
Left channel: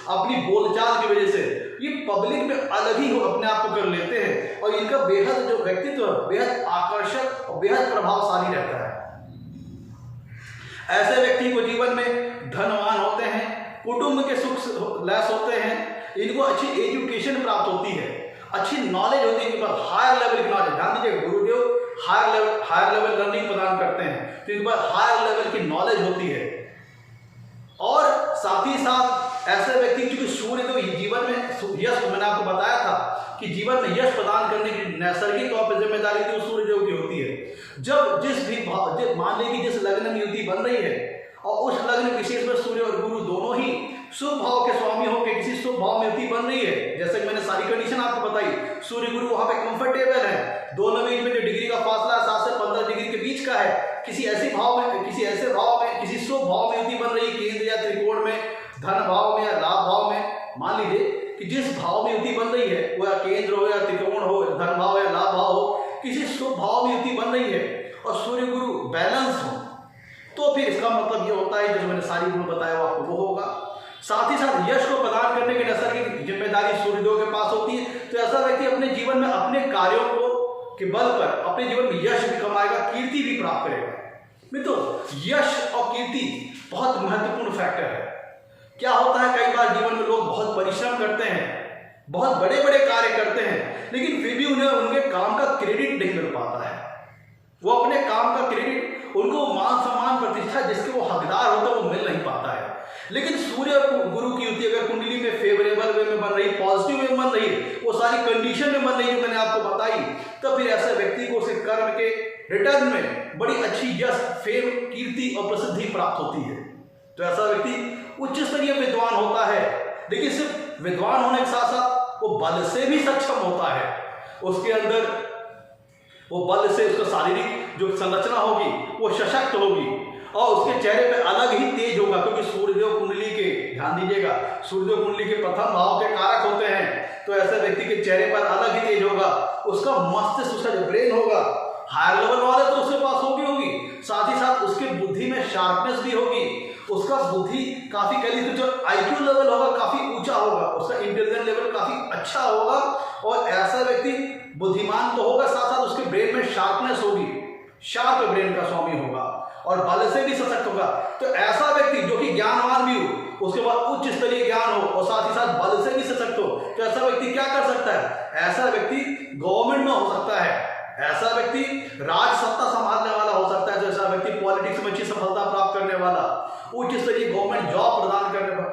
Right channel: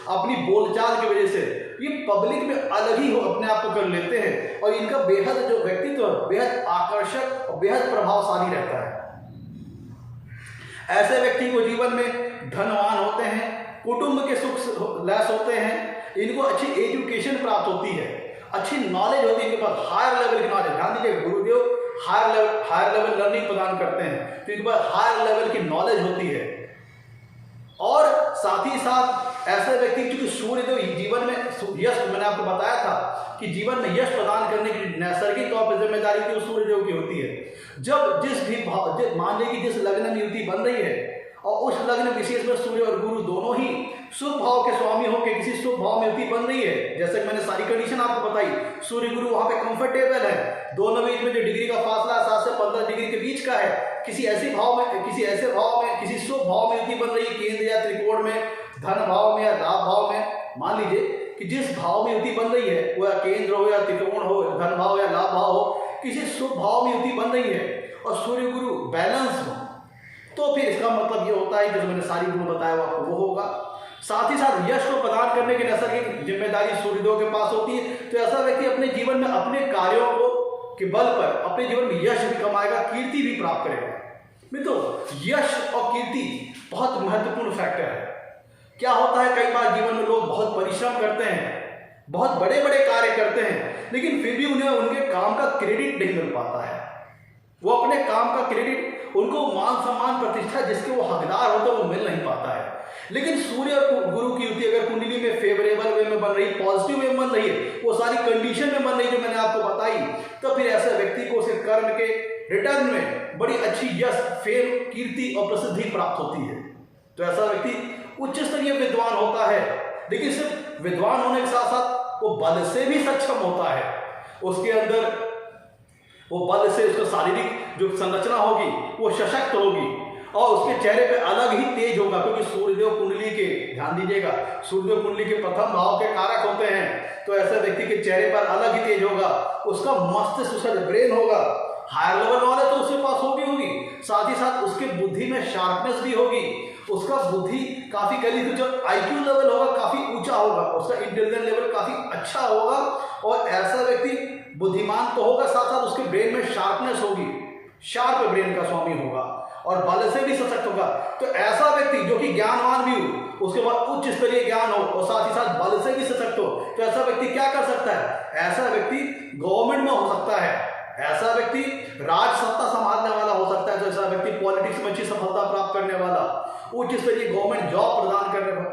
अपनी बोलचाल की वजह से ये पब्लिक में अलग ही अपने आप को कर लेते हैं और इनका बेहद जो व्यक्तित्व बेहद आकर्षक और बेहद प्रभावशाली रहता है। ऐसे व्यक्ति को जीवन में धनवान होते हैं, कुटुंब के सुख लैस होते हैं, इनको अच्छी एजुकेशन प्राप्त होती है, अच्छी नॉलेज होती है, इनके पास हायर लेवल की नॉलेज। ध्यान दीजिए, गुरुदेव हायर लेवल लर्निंग प्रदान करते हैं तो इनके पास हायर लेवल की नॉलेज होती है। और साथ ही साथ ऐसे व्यक्ति की सूर्य को जीवन में यश, मैंने आपको बताया था कि जीवन में यश प्रदान करने की नैसर्गिक तौर पर जिम्मेदारी तो सूर्य देव की होती है। जब जिस भी मान लीजिए जिस लग्न में युति बन रही है और उस लग्न विशेष में सूर्य और गुरु दोनों ही शुभ भाव के स्वामी होकर किसी शुभ भाव में युति बन रही है, जैसे मैंने सारी कंडीशन आपको बताई, सूर्य गुरु वहां पे कंफर्टेबल है, दोनों बीच में जो डिग्री का फासला 7 से 15 डिग्री के बीच का है, किसी ऐसे भाव में किसी शुभ भाव में युति बन रही है, केंद्र या त्रिकोण में, धन भाव में या लाभ भाव में। मान लीजिए कि जिस भाव में युति बन रही है, वो या केंद्र हो या त्रिकोण हो, धन भाव या लाभ भाव हो, किसी शुभ भाव में युति बन रही है और सूर्य गुरु बैलेंस हो, तो फिर इसका मतलब ये होता है जो मैंने सारी गुण बताया वो आपको वो होगा। साथ ही साथ यश को प्रदान करने की नैसर्गिक जिम्मेदारी सूर्यदेव के पास होती है। तो ऐसा व्यक्ति अपने जीवन में अपने कार्यों को के बल पर अपने जीवन में यश भी कमाएगा, कीर्ति भी प्राप्त करेगा। मित्रों, यश और कीर्ति बहुत महत्वपूर्ण फैक्टर है। क्या होता है, कई बार जीवन में लोग बहुत परिश्रम करते हैं, बहुत बड़े बड़े कार्य करते हैं, लेकिन फिर भी उन्हें उनके काम का क्रेडिट नहीं मिल पाता है। वो अपने काम का क्रेडिट, उनको मान सम्मान प्रतिष्ठा जिसके वो हकदार होते हैं वो मिल नहीं पाता है। लेकिन सूर्य और गुरु की युति अगर कुंडली में फेवरेबल वे में बन रही, पॉजिटिव वे में बन रही है, वो सारी कंडीशन में बन रही जो मैंने आपको बताई, तो फिर ऐसे व्यक्ति को उसके कर्म के रिटर्न में बड़ी अच्छी यश, फेम, कीर्ति और प्रसिद्धि प्राप्त होती है। तो ऐसा व्यक्ति उच्च स्तरीय विद्वान होता है, लेकिन सिर्फ विद्वान होने के साथ साथ वो बल से भी सक्षम होता है। उसके अंदर वो बल से उसका शारीरिक जो संरचना होगी वो सशक्त होगी और उसके चेहरे पे अलग ही तेज होगा, क्योंकि सूर्यदेव कुंडली के, ध्यान दीजिएगा, सूर्यदेव कुंडली के प्रथम भाव के कारक होते हैं। तो ऐसे व्यक्ति के चेहरे पर अलग ही तेज होगा, उसका मस्तिष्क, उसका जो ब्रेन होगा, हायर लेवल नॉलेज तो उसके पास होगी, साथ ही साथ उसके बुद्धि में शार्पनेस भी होगी, उसका बुद्धि काफी कह लीजिए जो IQ लेवल होगा काफी ऊंचा होगा, उसका इंटेलिजेंस लेवल काफी अच्छा होगा और ऐसा व्यक्ति बुद्धिमान तो होगा, साथ साथ उसके ब्रेन में शार्पनेस होगी, शार्प ब्रेन का स्वामी होगा और बल से भी सशक्त होगा। तो ऐसा व्यक्ति जो कि ज्ञानवान भी हो, उसके बाद उच्च स्तरीय ज्ञान हो और साथ ही साथ बल से भी सशक्त हो, तो ऐसा व्यक्ति क्या कर सकता है? ऐसा व्यक्ति गवर्नमेंट में हो सकता है, ऐसा व्यक्ति राज सत्ता संभालने वाला हो सकता है, तो ऐसा व्यक्ति पॉलिटिक्स में अच्छी सफलता प्राप्त करने वाला, उच्च स्तरीय गवर्नमेंट जॉब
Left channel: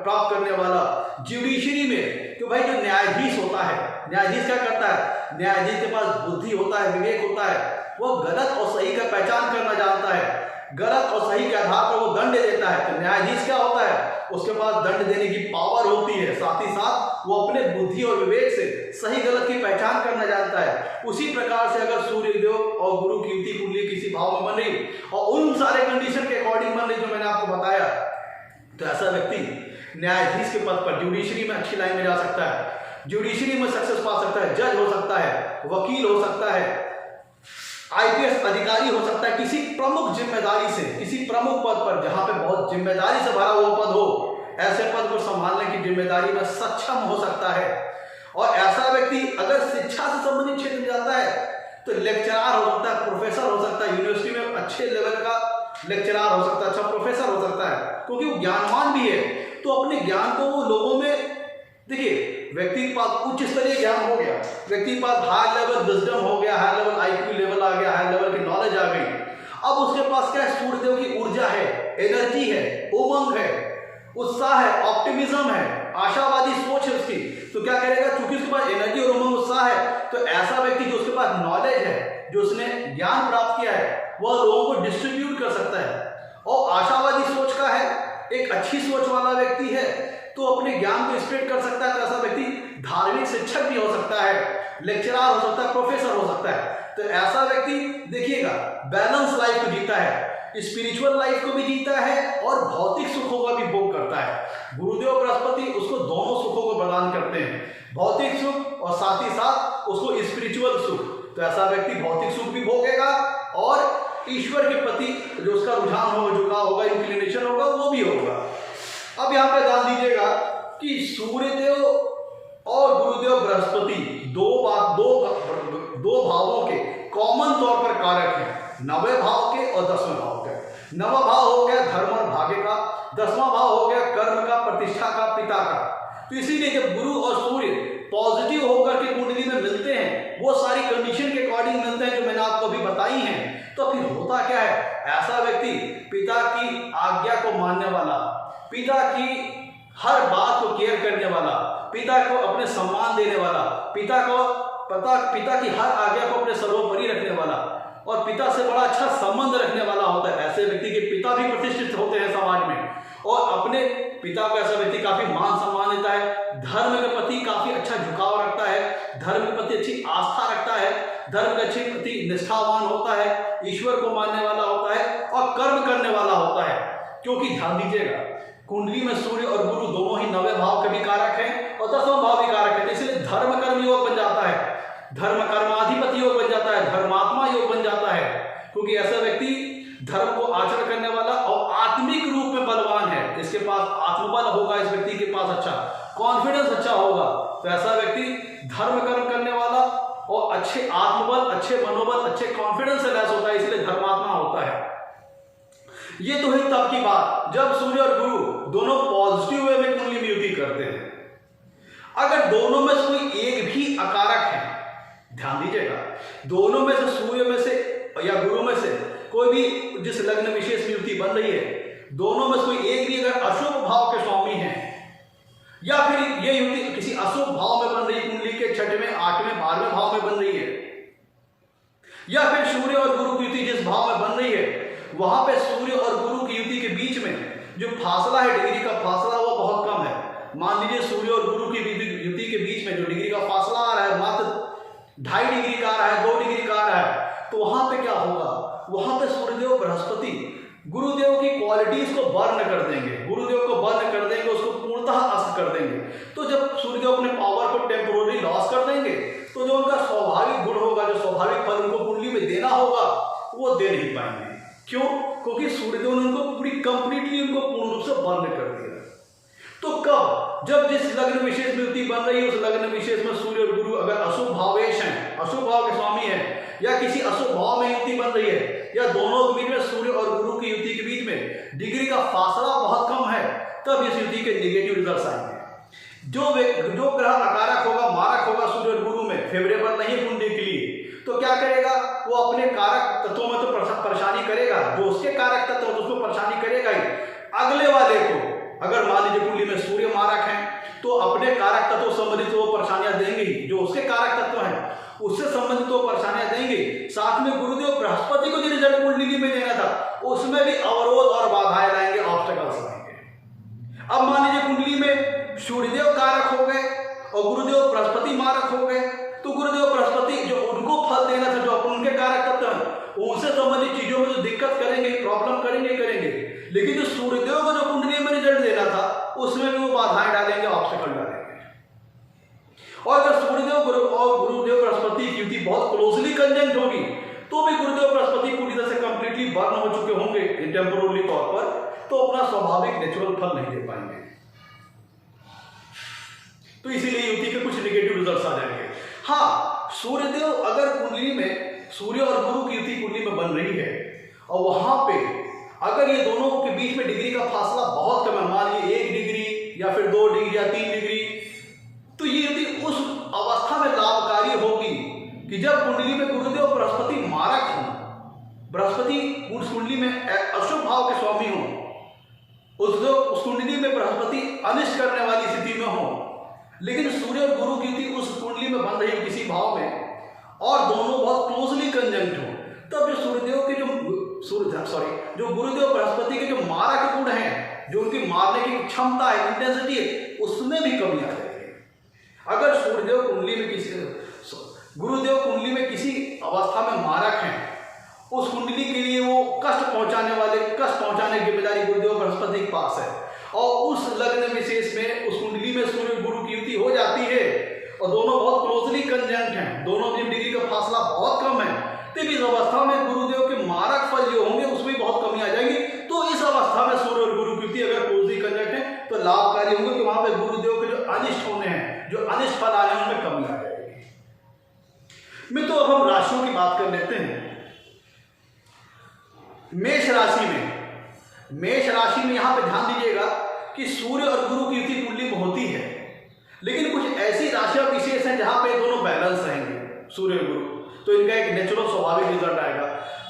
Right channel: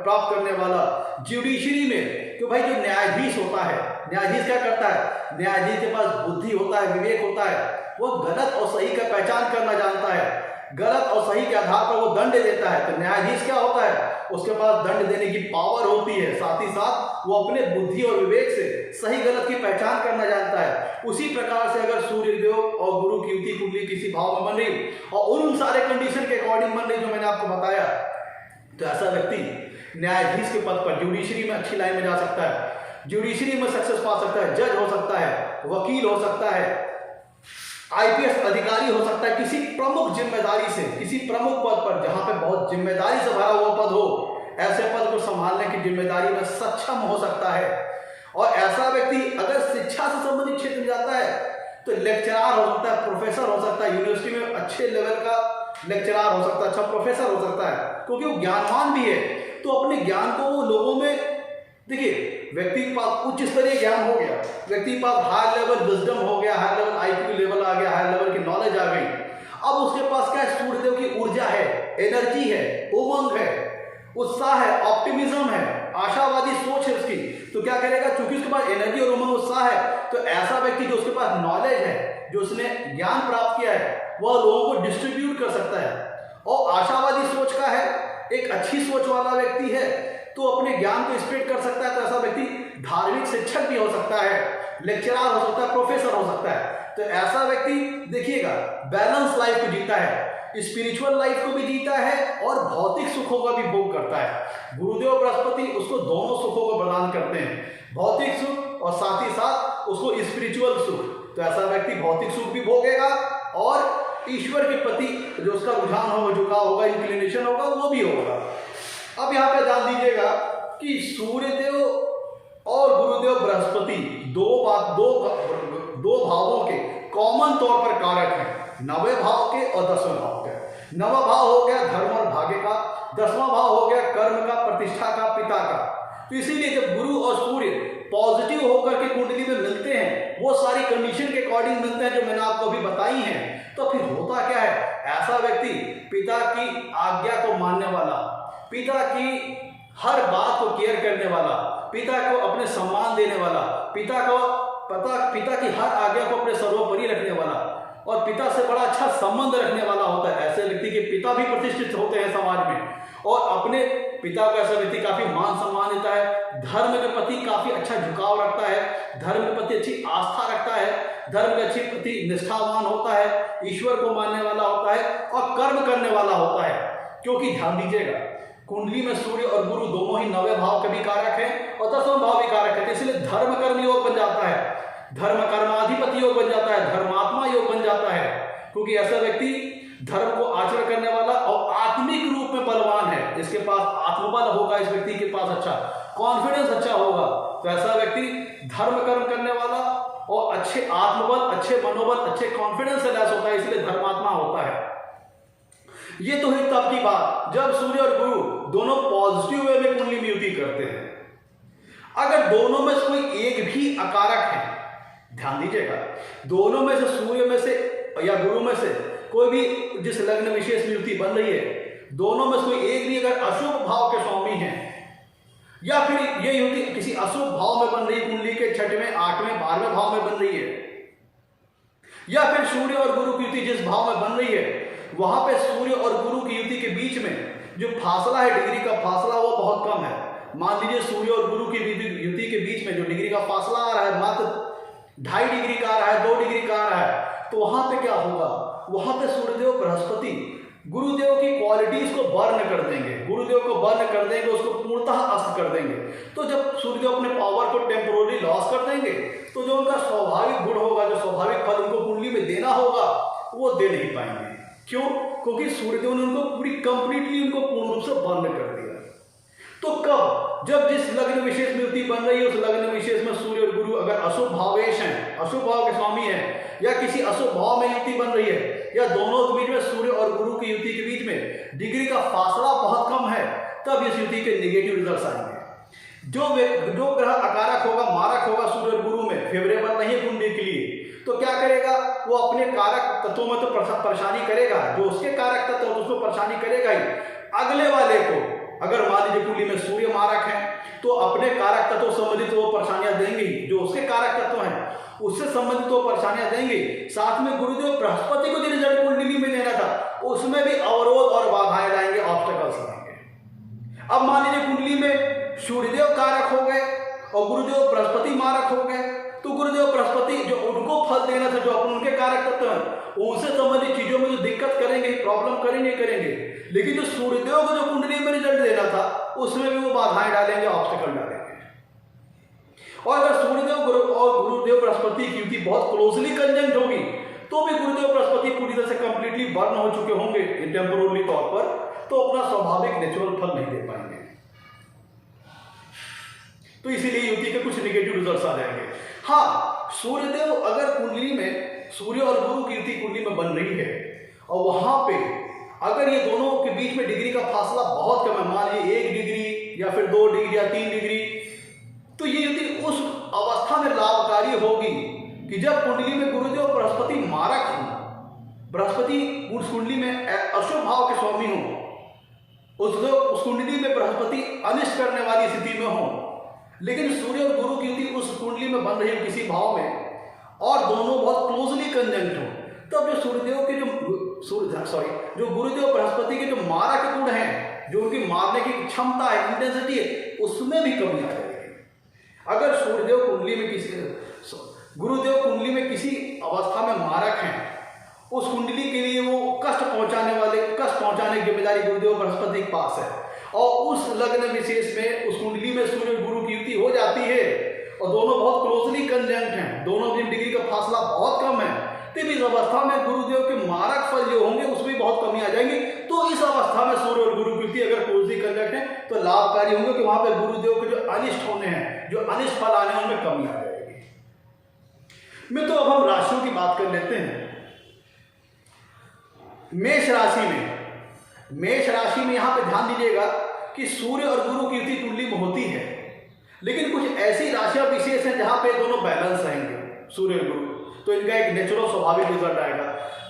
प्राप्त करने वाला, ज्यूडिशरी में, तो भाई जो न्यायाधीश होता है, न्यायाधीश क्या करता है? न्यायाधीश के पास बुद्धि होता है, विवेक होता है, वो गलत और सही का पहचान करना जानता है, गलत और सही के आधार पर वो दंड देता है। तो न्यायाधीश क्या होता है? उसके पास दंड देने की पावर होती है, साथ ही साथ वो अपने बुद्धि और विवेक से सही गलत की पहचान करना जानता है। उसी प्रकार से अगर सूर्यदेव और गुरु की युति कुंडली किसी भाव में बन रही और उन सारे कंडीशन के अकॉर्डिंग बन रही जो मैंने आपको बताया, तो ऐसा व्यक्ति न्यायाधीश के पद पर ज्यूडिशरी में अच्छी लाइन में जा सकता है, ज्यूडिशरी में सक्सेस पा सकता है, जज हो सकता है, वकील हो सकता है, IPS अधिकारी हो सकता है, किसी प्रमुख जिम्मेदारी से, किसी प्रमुख पद पर जहां पे बहुत जिम्मेदारी से भरा हुआ पद हो, ऐसे पद को संभालने की जिम्मेदारी में सक्षम हो सकता है। और ऐसा व्यक्ति अगर शिक्षा से संबंधित क्षेत्र में जाता है तो लेक्चरार हो सकता है, प्रोफेसर हो सकता है, यूनिवर्सिटी में अच्छे लेवल का लेक्चरार हो सकता है, अच्छा प्रोफेसर हो सकता है, क्योंकि वो ज्ञानवान भी है। तो अपने ज्ञान को वो लोगों में, देखिए व्यक्ति के पास उच्च स्तरीय ज्ञान हो गया, व्यक्ति के पास हाई लेवल विजडम हो गया, हाई लेवल IQ लेवल आ गया, हाई लेवल की नॉलेज आ गई। अब उसके पास क्या है? सूर्यदेव की ऊर्जा है, एनर्जी है, उमंग है, उत्साह है, ऑप्टिमिज्म है, आशावादी सोच है उसकी, तो क्या करेगा, क्योंकि उसके पास एनर्जी और उमंग उत्साह है, तो ऐसा व्यक्ति जो उसके पास नॉलेज है, जो उसने ज्ञान प्राप्त किया है, वह लोगों को डिस्ट्रीब्यूट कर सकता है। और आशावादी सोच का है, एक अच्छी सोच वाला व्यक्ति है तो अपने ज्ञान को स्प्रेड कर सकता है। तो ऐसा व्यक्ति धार्मिक शिक्षक भी हो सकता है, लेक्चरर हो सकता है, प्रोफेसर हो सकता है। तो ऐसा व्यक्ति देखिएगा बैलेंस लाइफ को जीता है, स्पिरिचुअल लाइफ को भी जीता है और भौतिक सुखों का भी भोग करता है। गुरुदेव बृहस्पति उसको दोनों सुखों को प्रदान करते हैं, भौतिक सुख और साथ ही साथ उसको स्पिरिचुअल सुख। तो ऐसा व्यक्ति भौतिक सुख भी भोगेगा और ईश्वर के प्रति जो उसका रुझान होगा, झुकाव होगा, इंक्लिनेशन होगा, वो भी होगा। अब यहाँ पे ध्यान दीजिएगा कि सूर्यदेव और गुरुदेव बृहस्पति दो भावों के कॉमन तौर पर कारक हैं, 9वें भाव के और 10वें भाव के। 9वां भाव हो गया धर्म और भाग्य का, 10वां भाव हो गया कर्म का, प्रतिष्ठा का, पिता का। तो इसीलिए जब गुरु और सूर्य पॉजिटिव होकर के कुंडली में मिलते हैं, वो सारी कंडीशन के अकॉर्डिंग मिलते हैं जो मैंने आपको अभी बताई हैं, तो फिर होता क्या है, ऐसा व्यक्ति पिता की आज्ञा को मानने वाला, पिता की हर बात को केयर करने वाला, पिता को अपने सम्मान देने वाला, पिता की हर आज्ञा को अपने सर्वोपरि रखने वाला और पिता से बड़ा अच्छा संबंध रखने वाला होता है। ऐसे व्यक्ति के पिता भी प्रतिष्ठित होते हैं समाज में और अपने पिता को ऐसा व्यक्ति काफी मान सम्मान देता है, धर्म के प्रति काफी अच्छा झुकाव रखता है, धर्म के प्रति अच्छी आस्था रखता है, धर्म के अच्छे प्रति निष्ठावान होता है, ईश्वर को मानने वाला होता है और कर्म करने वाला होता है। क्योंकि ध्यान दीजिएगा कुंडली में सूर्य और गुरु दोनों ही 9वें भाव के भी कारक हैं और 10वां भाव भी कारक है, इसलिए धर्म कर्म योग बन जाता है, धर्म कर्माधिपति योग बन जाता है, धर्मात्मा योग बन जाता है। क्योंकि ऐसा व्यक्ति धर्म को आचरण करने वाला और आत्मिक रूप में बलवान है, इसके पास आत्मबल होगा, इस व्यक्ति के पास अच्छा कॉन्फिडेंस अच्छा होगा। तो ऐसा व्यक्ति धर्म कर्म करने वाला और अच्छे आत्मबल, अच्छे मनोबल, अच्छे कॉन्फिडेंस से लैस होता है, इसलिए धर्मात्मा होता है। ये तो है तब की बात जब सूर्य और गुरु दोनों पॉजिटिव वे में कुंडली में युति करते हैं। अगर दोनों में से कोई एक भी अकारक है, ध्यान दीजिएगा, दोनों में से सूर्य में से या गुरु में से कोई भी जिस लग्न विशेष में युति बन रही है, दोनों में से कोई एक भी अगर अशुभ भाव के स्वामी हैं या फिर ये युति किसी अशुभ भाव में बन रही है, कुंडली के 6वें, 8वें, 12वें भाव में बन रही है, या फिर सूर्य और गुरु की युति जिस भाव में बन रही है वहां पे सूर्य और गुरु की युति के बीच में जो फासला है, डिग्री का फासला, वो बहुत कम है। मान लीजिए सूर्य और गुरु की युति के बीच में जो डिग्री का फासला आ रहा है मात्र 2.5 डिग्री का आ रहा है, 2 डिग्री का आ रहा है, तो वहां पे क्या होगा, वहां पे सूर्यदेव बृहस्पति गुरुदेव की क्वालिटीज को बर्न कर देंगे, गुरुदेव को बर्न कर देंगे, उसको पूर्णतः अस्त कर देंगे। तो जब सूर्यदेव अपने पावर को टेम्पोररी लॉस कर देंगे तो जो उनका स्वाभाविक गुण होगा, जो स्वाभाविक फल उनको कुंडली में देना होगा, वो दे नहीं पाएंगे। क्यों? क्योंकि सूर्यदेव ने उनको पूरी कंप्लीटली उनको पूर्ण रूप से बर्न कर दिया। तो कब, जब जिस लग्न विशेष में युति बन रही है उस लग्न विशेष में सूर्य और गुरु अगर अशुभ भावेश हैं, अशुभ भाव के स्वामी हैं, या किसी अशुभ भाव में युति बन रही है, या दोनों के बीच में सूर्य और गुरु की युति के बीच में डिग्री का फासला बहुत कम है, तब इस युति के नेगेटिव रिजल्ट आएंगे। जो ग्रह अकारक होगा, मारक होगा सूर्य और गुरु में, फेवरेबल नहीं है कुंडली के लिए, तो क्या करेगा, वो अपने कारक तत्वों में तो परेशानी करेगा, जो उसके कारक तत्व तो उसको परेशानी करेगा ही। अगले वाले को अगर मान लीजिए कुंडली में सूर्य मारक है तो अपने कारक तत्व संबंधित वो परेशानियां देंगे, जो उसके कारक तत्व हैं उससे संबंधित वो परेशानियां देंगे। साथ में गुरुदेव बृहस्पति को जो रिजल्ट कुंडली में देना था उसमें भी अवरोध और बाधाएं लाएंगे, ऑब्स्टेकल्स लाएंगे। अब मान लीजिए कुंडली में सूर्यदेव कारक हो गए और गुरुदेव बृहस्पति मारक हो गए, तो गुरुदेव बृहस्पति जो उनको फल देना था, जो उनके कारक तत्व हैं, उनसे संबंधित चीजों में जो दिक्कत करेंगे, प्रॉब्लम करेंगे, लेकिन जो सूर्यदेव को जो कुंडली में रिजल्ट देना था उसमें भी वो बाधाएं डालेंगे, ऑब्स्टेकल डालेंगे। और अगर सूर्यदेव गुरु और गुरुदेव बृहस्पति की युति बहुत क्लोजली कंजंक्ट होगी तो भी गुरुदेव बृहस्पति पूरी तरह से कंप्लीटली बर्न हो चुके होंगे टेम्पोररी तौर पर, तो अपना स्वाभाविक नेचुरल फल नहीं दे पाएंगे। तो इसीलिए युति के कुछ नेगेटिव रिजल्ट्स आ जाएंगे। हाँ, सूर्यदेव अगर कुंडली में सूर्य और गुरु की युति कुंडली में बन रही है और वहां पे अगर ये दोनों के बीच में डिग्री का फासला बहुत कम है, मान लीजिए 1 डिग्री या फिर 2 डिग्री या 3 डिग्री, तो ये युति उस अवस्था में लाभकारी होगी कि जब कुंडली में गुरुदेव बृहस्पति मारक हो, बृहस्पति उस कुंडली में अशुभ भाव के स्वामी हो, उस कुंडली में बृहस्पति अनिष्ट करने वाली स्थिति में हो, लेकिन सूर्य और गुरु की युति उस कुंडली में बन रही हो किसी भाव में, और दोनों बहुत क्लोजली कंजंक्ट हो, तब जो सूर्यदेव के जो गुरुदेव बृहस्पति के जो मारक गुण हैं, जो उनकी मारने की क्षमता है, इंटेंसिटी है, उसमें भी कमी आ जाएगी। अगर सूर्यदेव कुंडली में गुरुदेव कुंडली में किसी अवस्था में मारक हैं, उस कुंडली के लिए वो कष्ट पहुंचाने की जिम्मेदारी गुरुदेव बृहस्पति के पास है, और उस लग्न विशेष में उस कुंडली में सूर्य गुरु की युति हो जाती है और दोनों बहुत क्लोजली कंजंक्ट हैं, दोनों की डिग्री का फासला बहुत कम है, तब इस अवस्था में गुरुदेव के मारक फल जो होंगे उसमें बहुत कमी आ जाएगी। तो इस अवस्था में सूर्य और गुरु की युति अगर क्लोजली कंजंक्ट है तो लाभकारी होंगे, कि वहां पर गुरुदेव के जो अनिष्ट होने हैं, जो अनिष्ट फल आने हैं, उनमें कमी आ जाएगी। मित्रों, अब हम राशियों की बात कर लेते हैं। मेष राशि में यहां पे ध्यान दीजिएगा कि सूर्य और गुरु की युति कुंडली में होती है, लेकिन कुछ ऐसी राशियां विशेष हैं जहां पे दोनों बैलेंस रहेंगे, सूर्य और गुरु, तो इनका एक नेचुरल स्वाभाविक रिजल्ट आएगा।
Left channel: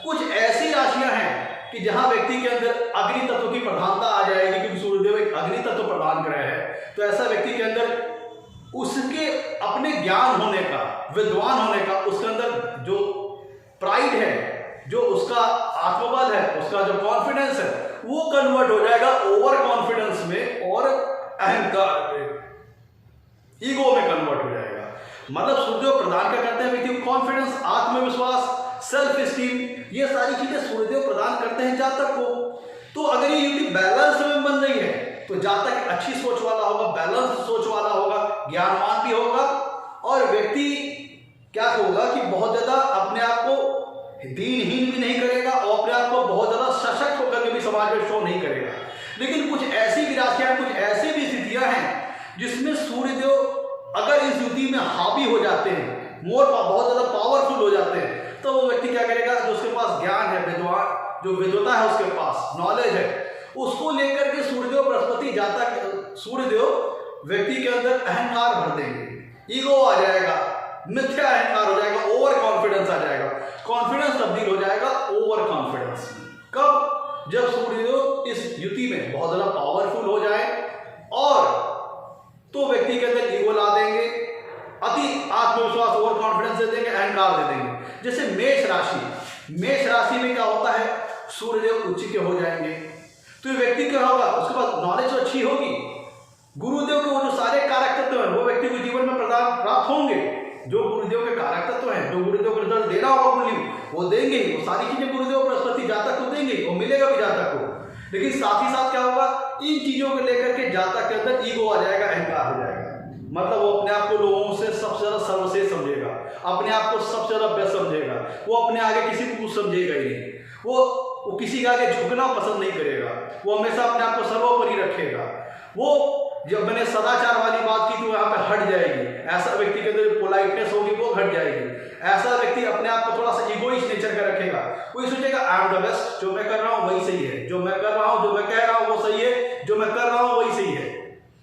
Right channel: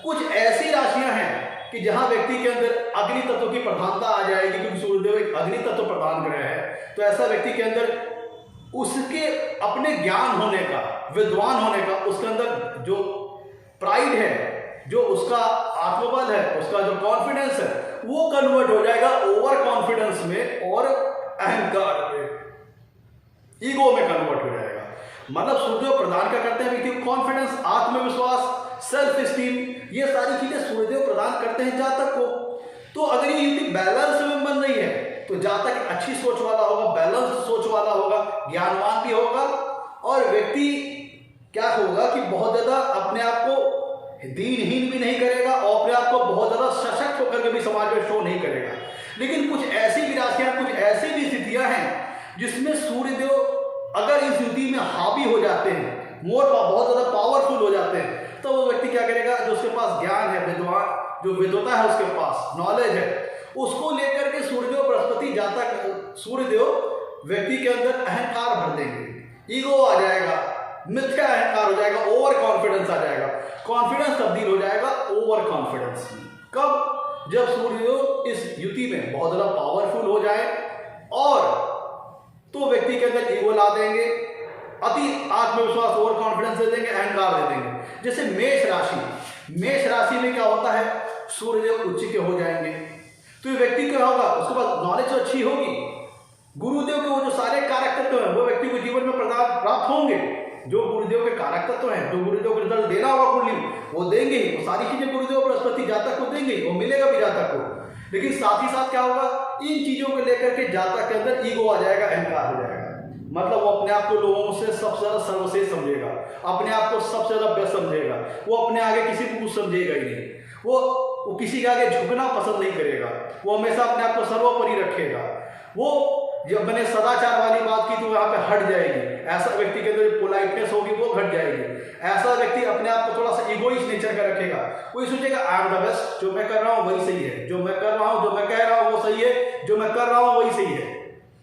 कुछ ऐसी राशियां हैं कि जहां व्यक्ति के अंदर अग्नि तत्व की प्रधानता आ जाएगी, क्योंकि सूर्यदेव एक अग्नि तत्व प्रदान ग्रह है, तो ऐसा व्यक्ति के अंदर उसके अपने ज्ञान होने का, विद्वान होने का, उसके अंदर जो प्राइड है, जो उसका आत्मबल है, उसका जो कॉन्फिडेंस है, वो कन्वर्ट हो जाएगा ओवर कॉन्फिडेंस में और अहंकार में, ईगो में कन्वर्ट हो जाएगा। मतलब सूर्यदेव प्रदान क्या करते हैं व्यक्ति को? कॉन्फिडेंस, आत्मविश्वास, सेल्फ स्टीम, ये सारी चीजें सूर्यदेव प्रदान करते हैं जातक को। तो अगर ये युति बैलेंस में बन रही है तो जातक अच्छी सोच वाला होगा, बैलेंस सोच वाला होगा, ज्ञानवान भी होगा, और व्यक्ति क्या होगा कि बहुत ज्यादा अपने आप को दीनहीन भी नहीं करेगा और अपने आप को बहुत ज्यादा सशक्त होकर के भी समाज में शो नहीं करेगा। लेकिन कुछ ऐसी भी राशियां, कुछ ऐसी भी स्थितियां हैं जिसमें सूर्यदेव अगर इस युति में हावी हो जाते हैं, बहुत ज्यादा पावरफुल हो जाते हैं, तो वो व्यक्ति क्या करेगा? जो उसके पास ज्ञान है, विद्वान, जो विद्वता है, उसके पास नॉलेज है, उसको लेकर के सूर्यदेव बृहस्पति सूर्यदेव व्यक्ति के अंदर अहंकार भर देंगे, ईगो आ जाएगा, मिथ्या अहंकार हो जाएगा, ओवर कॉन्फिडेंस आ जाएगा, कॉन्फिडेंस तब्दील हो जाएगा ओवर कॉन्फिडेंस। कब? जब सूर्यदेव इस युति में बहुत ज्यादा पावरफुल हो जाए, और तो व्यक्ति के अंदर ईगो ला देंगे, अति आत्मविश्वास, ओवर कॉन्फिडेंस दे देंगे, अहंकार दे देंगे। जैसे मेष राशि में क्या होता है? सूर्यदेव उच्च के हो जाएंगे, तो ये व्यक्ति क्या होगा? उसके पास नॉलेज तो अच्छी होगी, गुरुदेव के वो जो सारे कारक तत्व हैं वो व्यक्ति को जीवन में प्राप्त होंगे, जो गुरुदेव के कारक तत्व हैं, जो गुरुदेव को रिजल्ट देना होगा कुंडली में, वो देंगे, वो सारी चीजें गुरुदेव बृहस्पति जातक को देंगे, वो मिलेगा भी जातक को। लेकिन साथ ही साथ क्या होगा? इन चीजों को लेकर के जातक के अंदर ईगो आ जाएगा, अहंकार हो जाएगा। मतलब वो अपने आप को लोगों से सबसे ज्यादा सर्वश्रेष्ठ समझेगा, अपने आप को सबसे ज्यादा बेस्ट समझेगा, वो अपने आगे किसी को कुछ समझेगा ही नहीं, वो किसी के आगे झुकना पसंद नहीं करेगा, वो हमेशा अपने आप को सर्वोपरि रखेगा। वो जब मैंने सदाचार वाली बात की तो वहां पे हट जाएगी, ऐसा व्यक्ति के अंदर पोलाइटनेस होगी वो घट जाएगी। ऐसा व्यक्ति अपने आप को थोड़ा सा इगोइस्ट नेचर का रखेगा, कोई सोचेगा आई एम द बेस्ट, जो मैं कर रहा हूँ वही सही है, जो मैं कर रहा हूँ, जो मैं कह रहा हूँ वो सही है, जो मैं कर रहा हूँ वही सही है,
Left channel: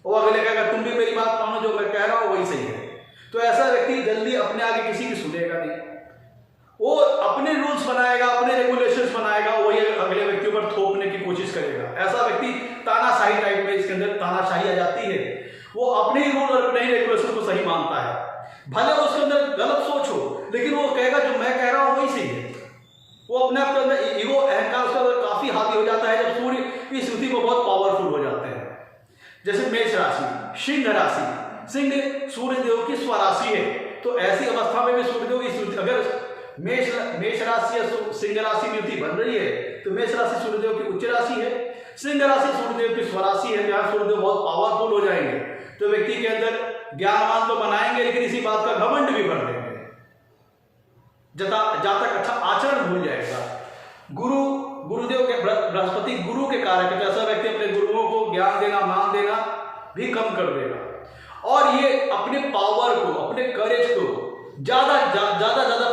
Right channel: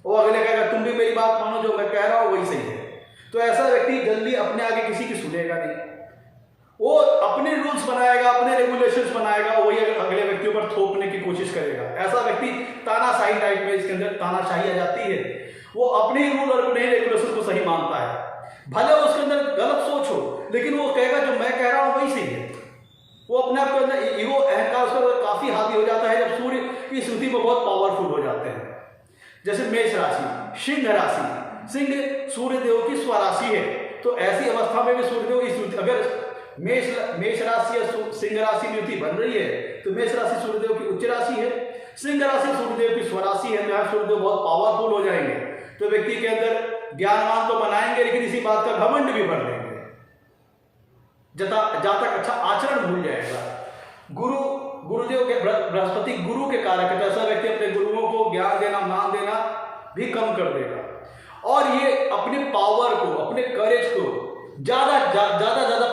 वो अगले कहेगा तुम भी मेरी बात मानो, जो मैं कह रहा हूँ वही सही है। तो ऐसा व्यक्ति जल्दी अपने आगे किसी की सुनेगा नहीं, वो अपने रूल्स बनाएगा, अपने रेगुलेशंस बनाएगा, वही अगले व्यक्तियों पर थोपने की कोशिश करेगा। ऐसा व्यक्ति तानाशाही टाइप में, इसके अंदर तानाशाही आ जाती है, वो अपने ही रूल और अपने ही रेगुलेशन को सही मानता है, भले उसके अंदर गलत सोच हो, लेकिन वो कहेगा जो मैं कह रहा हूं वही सही है। वो अपने आप के अंदर ईगो, अहंकार उसका काफी हावी हो जाता है जब सूर्य की स्थिति में बहुत पावरफुल हो जाते हैं। जैसे मेष राशि, सिंह राशि, सिंह सूर्यदेव की स्वराशि है, तो ऐसी अवस्था में भी सूर्यदेव की, अगर मेष राशि या सिंह राशि में युति बन रही है तो मेष राशि सूर्यदेव की उच्च राशि है, सिंह राशि सूर्यदेव की स्वराशि है, जहां सूर्यदेव बहुत पावरफुल हो जाएंगे, तो व्यक्ति के अंदर ज्ञानवान तो बनाएंगे, लेकिन इसी बात का घमंड भी भर देंगे, जातक अच्छा आचरण भूल जाएगा। गुरुदेव के बृहस्पति गुरु के कारक है, तो ऐसा व्यक्ति अपने गुरुओं को ज्ञान देना, मान देना भी कम कर देगा, और ये अपने पावर को, अपने करेज को ज्यादा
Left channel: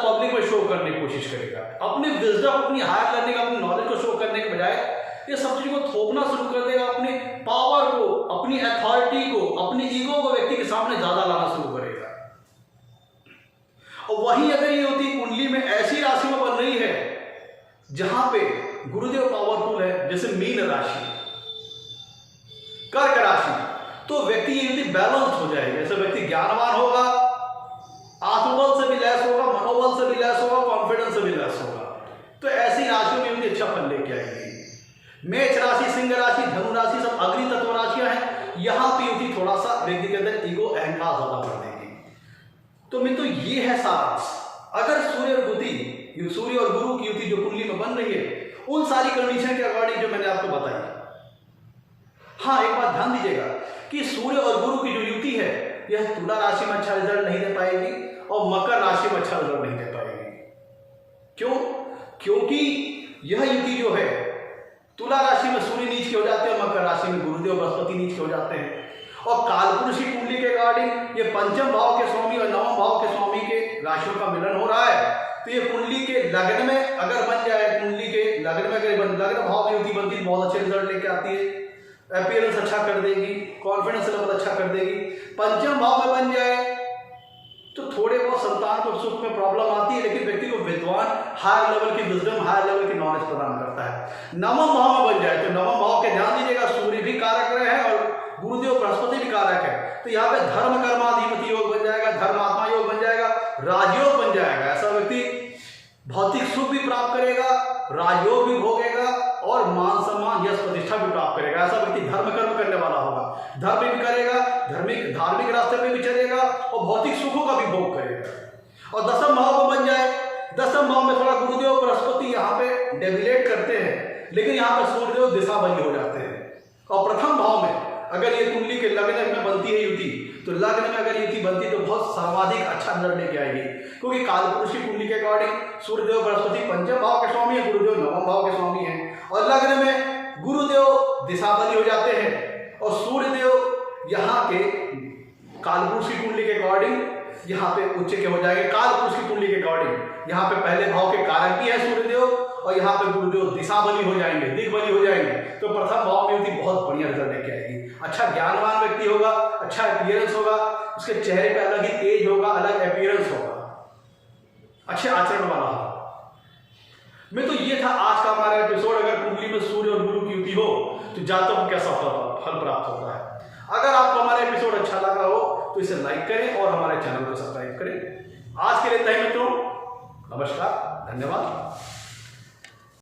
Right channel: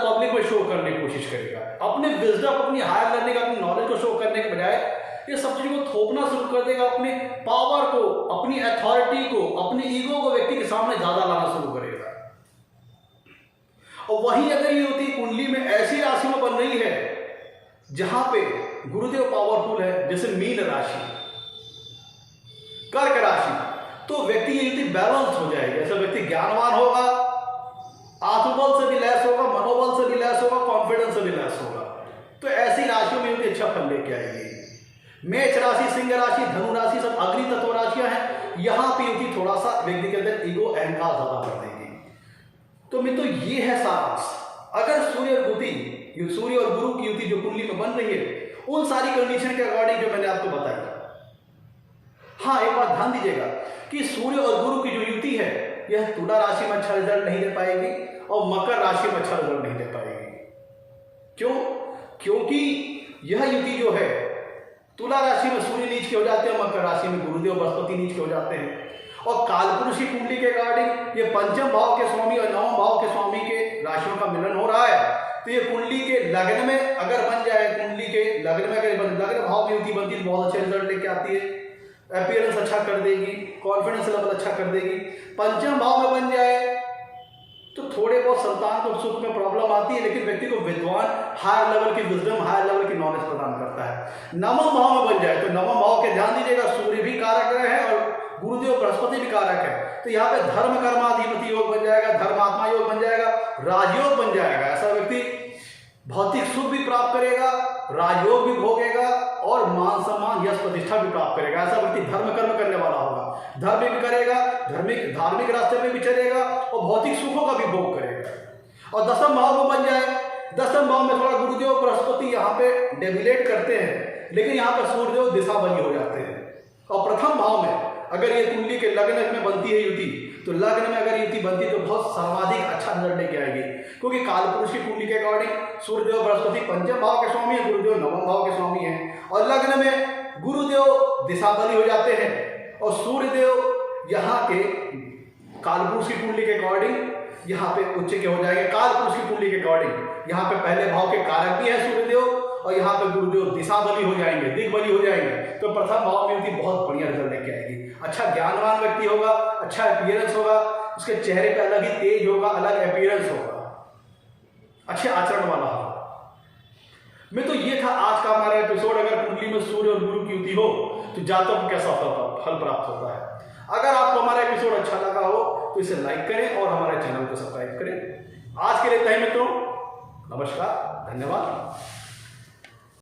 पब्लिक में शो करने की कोशिश करेगा, अपने विजडम, अपनी हायर लर्निंग, अपनी नॉलेज को शो करने के बजाय ये सब चीजों को थोपना शुरू कर देगा, अपने पावर को, अपनी अथॉरिटी को, अपनी ईगो को व्यक्ति के सामने ज्यादा लाना शुरू करेगा। और वहीं अगर ये होती कुंडली में ऐसी राशि में बन रही है जहां पे गुरुदेव पावरफुल है, जैसे मीन राशि, कर्क राशि, तो व्यक्ति ये युति बैलेंस हो जाएगी। ऐसा व्यक्ति ज्ञानवान होगा, आत्मबल से भी लैस होगा, मनोबल से भी लैस होगा, कॉन्फिडेंस से भी लैस होगा। तो ऐसी राशियों में युति अच्छा फल लेके आएगी। मेष राशि, सिंह राशि, धनु राशि सब अग्नि तत्व राशियां हैं। यहां पे युति थोड़ा सा व्यक्ति के अंदर ईगो अहंकार ज्यादा कर देगी। तो मित्रों ये है सारांश। अगर सूर्य और गुरु की युति जो कुंडली में बन रही है, उन सारी कंडीशन के अकॉर्डिंग जो मैंने आपको बताई। हाँ, एक बात ध्यान दीजिएगा कि सूर्य और गुरु की जो युति है, यह तुला राशि में अच्छा रिजल्ट नहीं दे पाएगी और मकर राशि में अच्छा रिजल्ट नहीं दे पाएगी। क्यों? क्योंकि यह युति जो है, तुला राशि में सूर्य नीच के हो जाते हैं, मकर राशि में गुरुदेव बृहस्पति नीच के हो जाते हैं। और कालपुरुष की कुंडली के अकॉर्डिंग ये पंचम भाव के स्वामी और नवम भाव के स्वामी के राशियों का मिलन हो रहा है। तो ये कुंडली के लग्न में अगर बन जाए, कुंडली के लग्न में अगर लग्न भाव में युति बनती है, बहुत अच्छे रिजल्ट लेके आती है, अपीयरेंस अच्छा कर देगी, कॉन्फिडेंस लेवल अच्छा कर देगी। पंचम भाव में बन जाए तो थोड़े बहुत संतान को सुख में प्रॉब्लम आती है, लेकिन व्यक्ति को विद्वान, हायर लेवल की विजडम, हायर लेवल की नॉलेज प्रदान करता है। नवम भाव में बन जाए तो नवम भाव के ध्यान दीजिएगा, सूर्य भी कारक ग्रह है और गुरुदेव बृहस्पति भी कारक है। तो यहाँ पे धर्म कर्माधिपति योग बन जाएगा, धर्मात्मा योग बन जाएगा, राजयोग बन जाएगा। ऐसा व्यक्ति भौतिक सुख भी प्राप्त करेगा, राजयोग भी भोगेगा और मान सम्मान, यश, प्रतिष्ठा भी प्राप्त करेगा। ऐसा व्यक्ति धर्म कर्म करने वाला होगा, धर्म भी करेगा, धार्मिक रास्ते में भी चलेगा और भौतिक सुखों का भी भोग करेगा। और दसम भाव में बन जाए, दसम भाव में थोड़ा गुरुदेव बृहस्पति यहाँ पे डेविलेट करते हैं, लेकिन यहाँ पे सूर्यदेव दिशा बली हो जाते हैं। और प्रथम भाव में अगर ये कुंडली के लग्न में बनती है युति, तो लग्न में अगर युति बनती है तो बहुत सर्वाधिक अच्छा रिजल्ट लेके आएगी। क्योंकि कालपुरुष की कुंडली के अकॉर्डिंग सूर्यदेव बृहस्पति पंचम भाव के स्वामी है, गुरुदेव नवम भाव के स्वामी है, और लग्न में गुरुदेव दिशाबली हो जाते हैं और सूर्यदेव यहाँ के कालपुरुष की कुंडली के अकॉर्डिंग यहाँ पे उच्च के हो जाएंगे। कालपुरुष की कुंडली के अकॉर्डिंग यहाँ पे पहले भाव के कारक भी है सूर्यदेव और यहाँ पे गुरुदेव दिशाबली हो जाएंगे, दिग्बली हो जाएंगे। तो प्रथम भाव में युति बहुत बढ़िया रिजल्ट लेके आएगी। अच्छा ज्ञानवान व्यक्ति होगा, अच्छा अपीयरेंस होगा, उसके चेहरे पे अलग ही तेज होगा, अलग अपीयरेंस होगा, अच्छे आचरण वाला होगा। मैं तो ये था आज का हमारा एपिसोड। अगर कुंडली में सूर्य और गुरु की युति हो तो जातक को कैसा फल प्राप्त होता है। अगर आपको हमारा एपिसोड अच्छा लगा हो तो इसे लाइक करें और हमारे चैनल को सब्सक्राइब करें। आज के लिए इतना ही मित्रों, नमस्कार, धन्यवाद।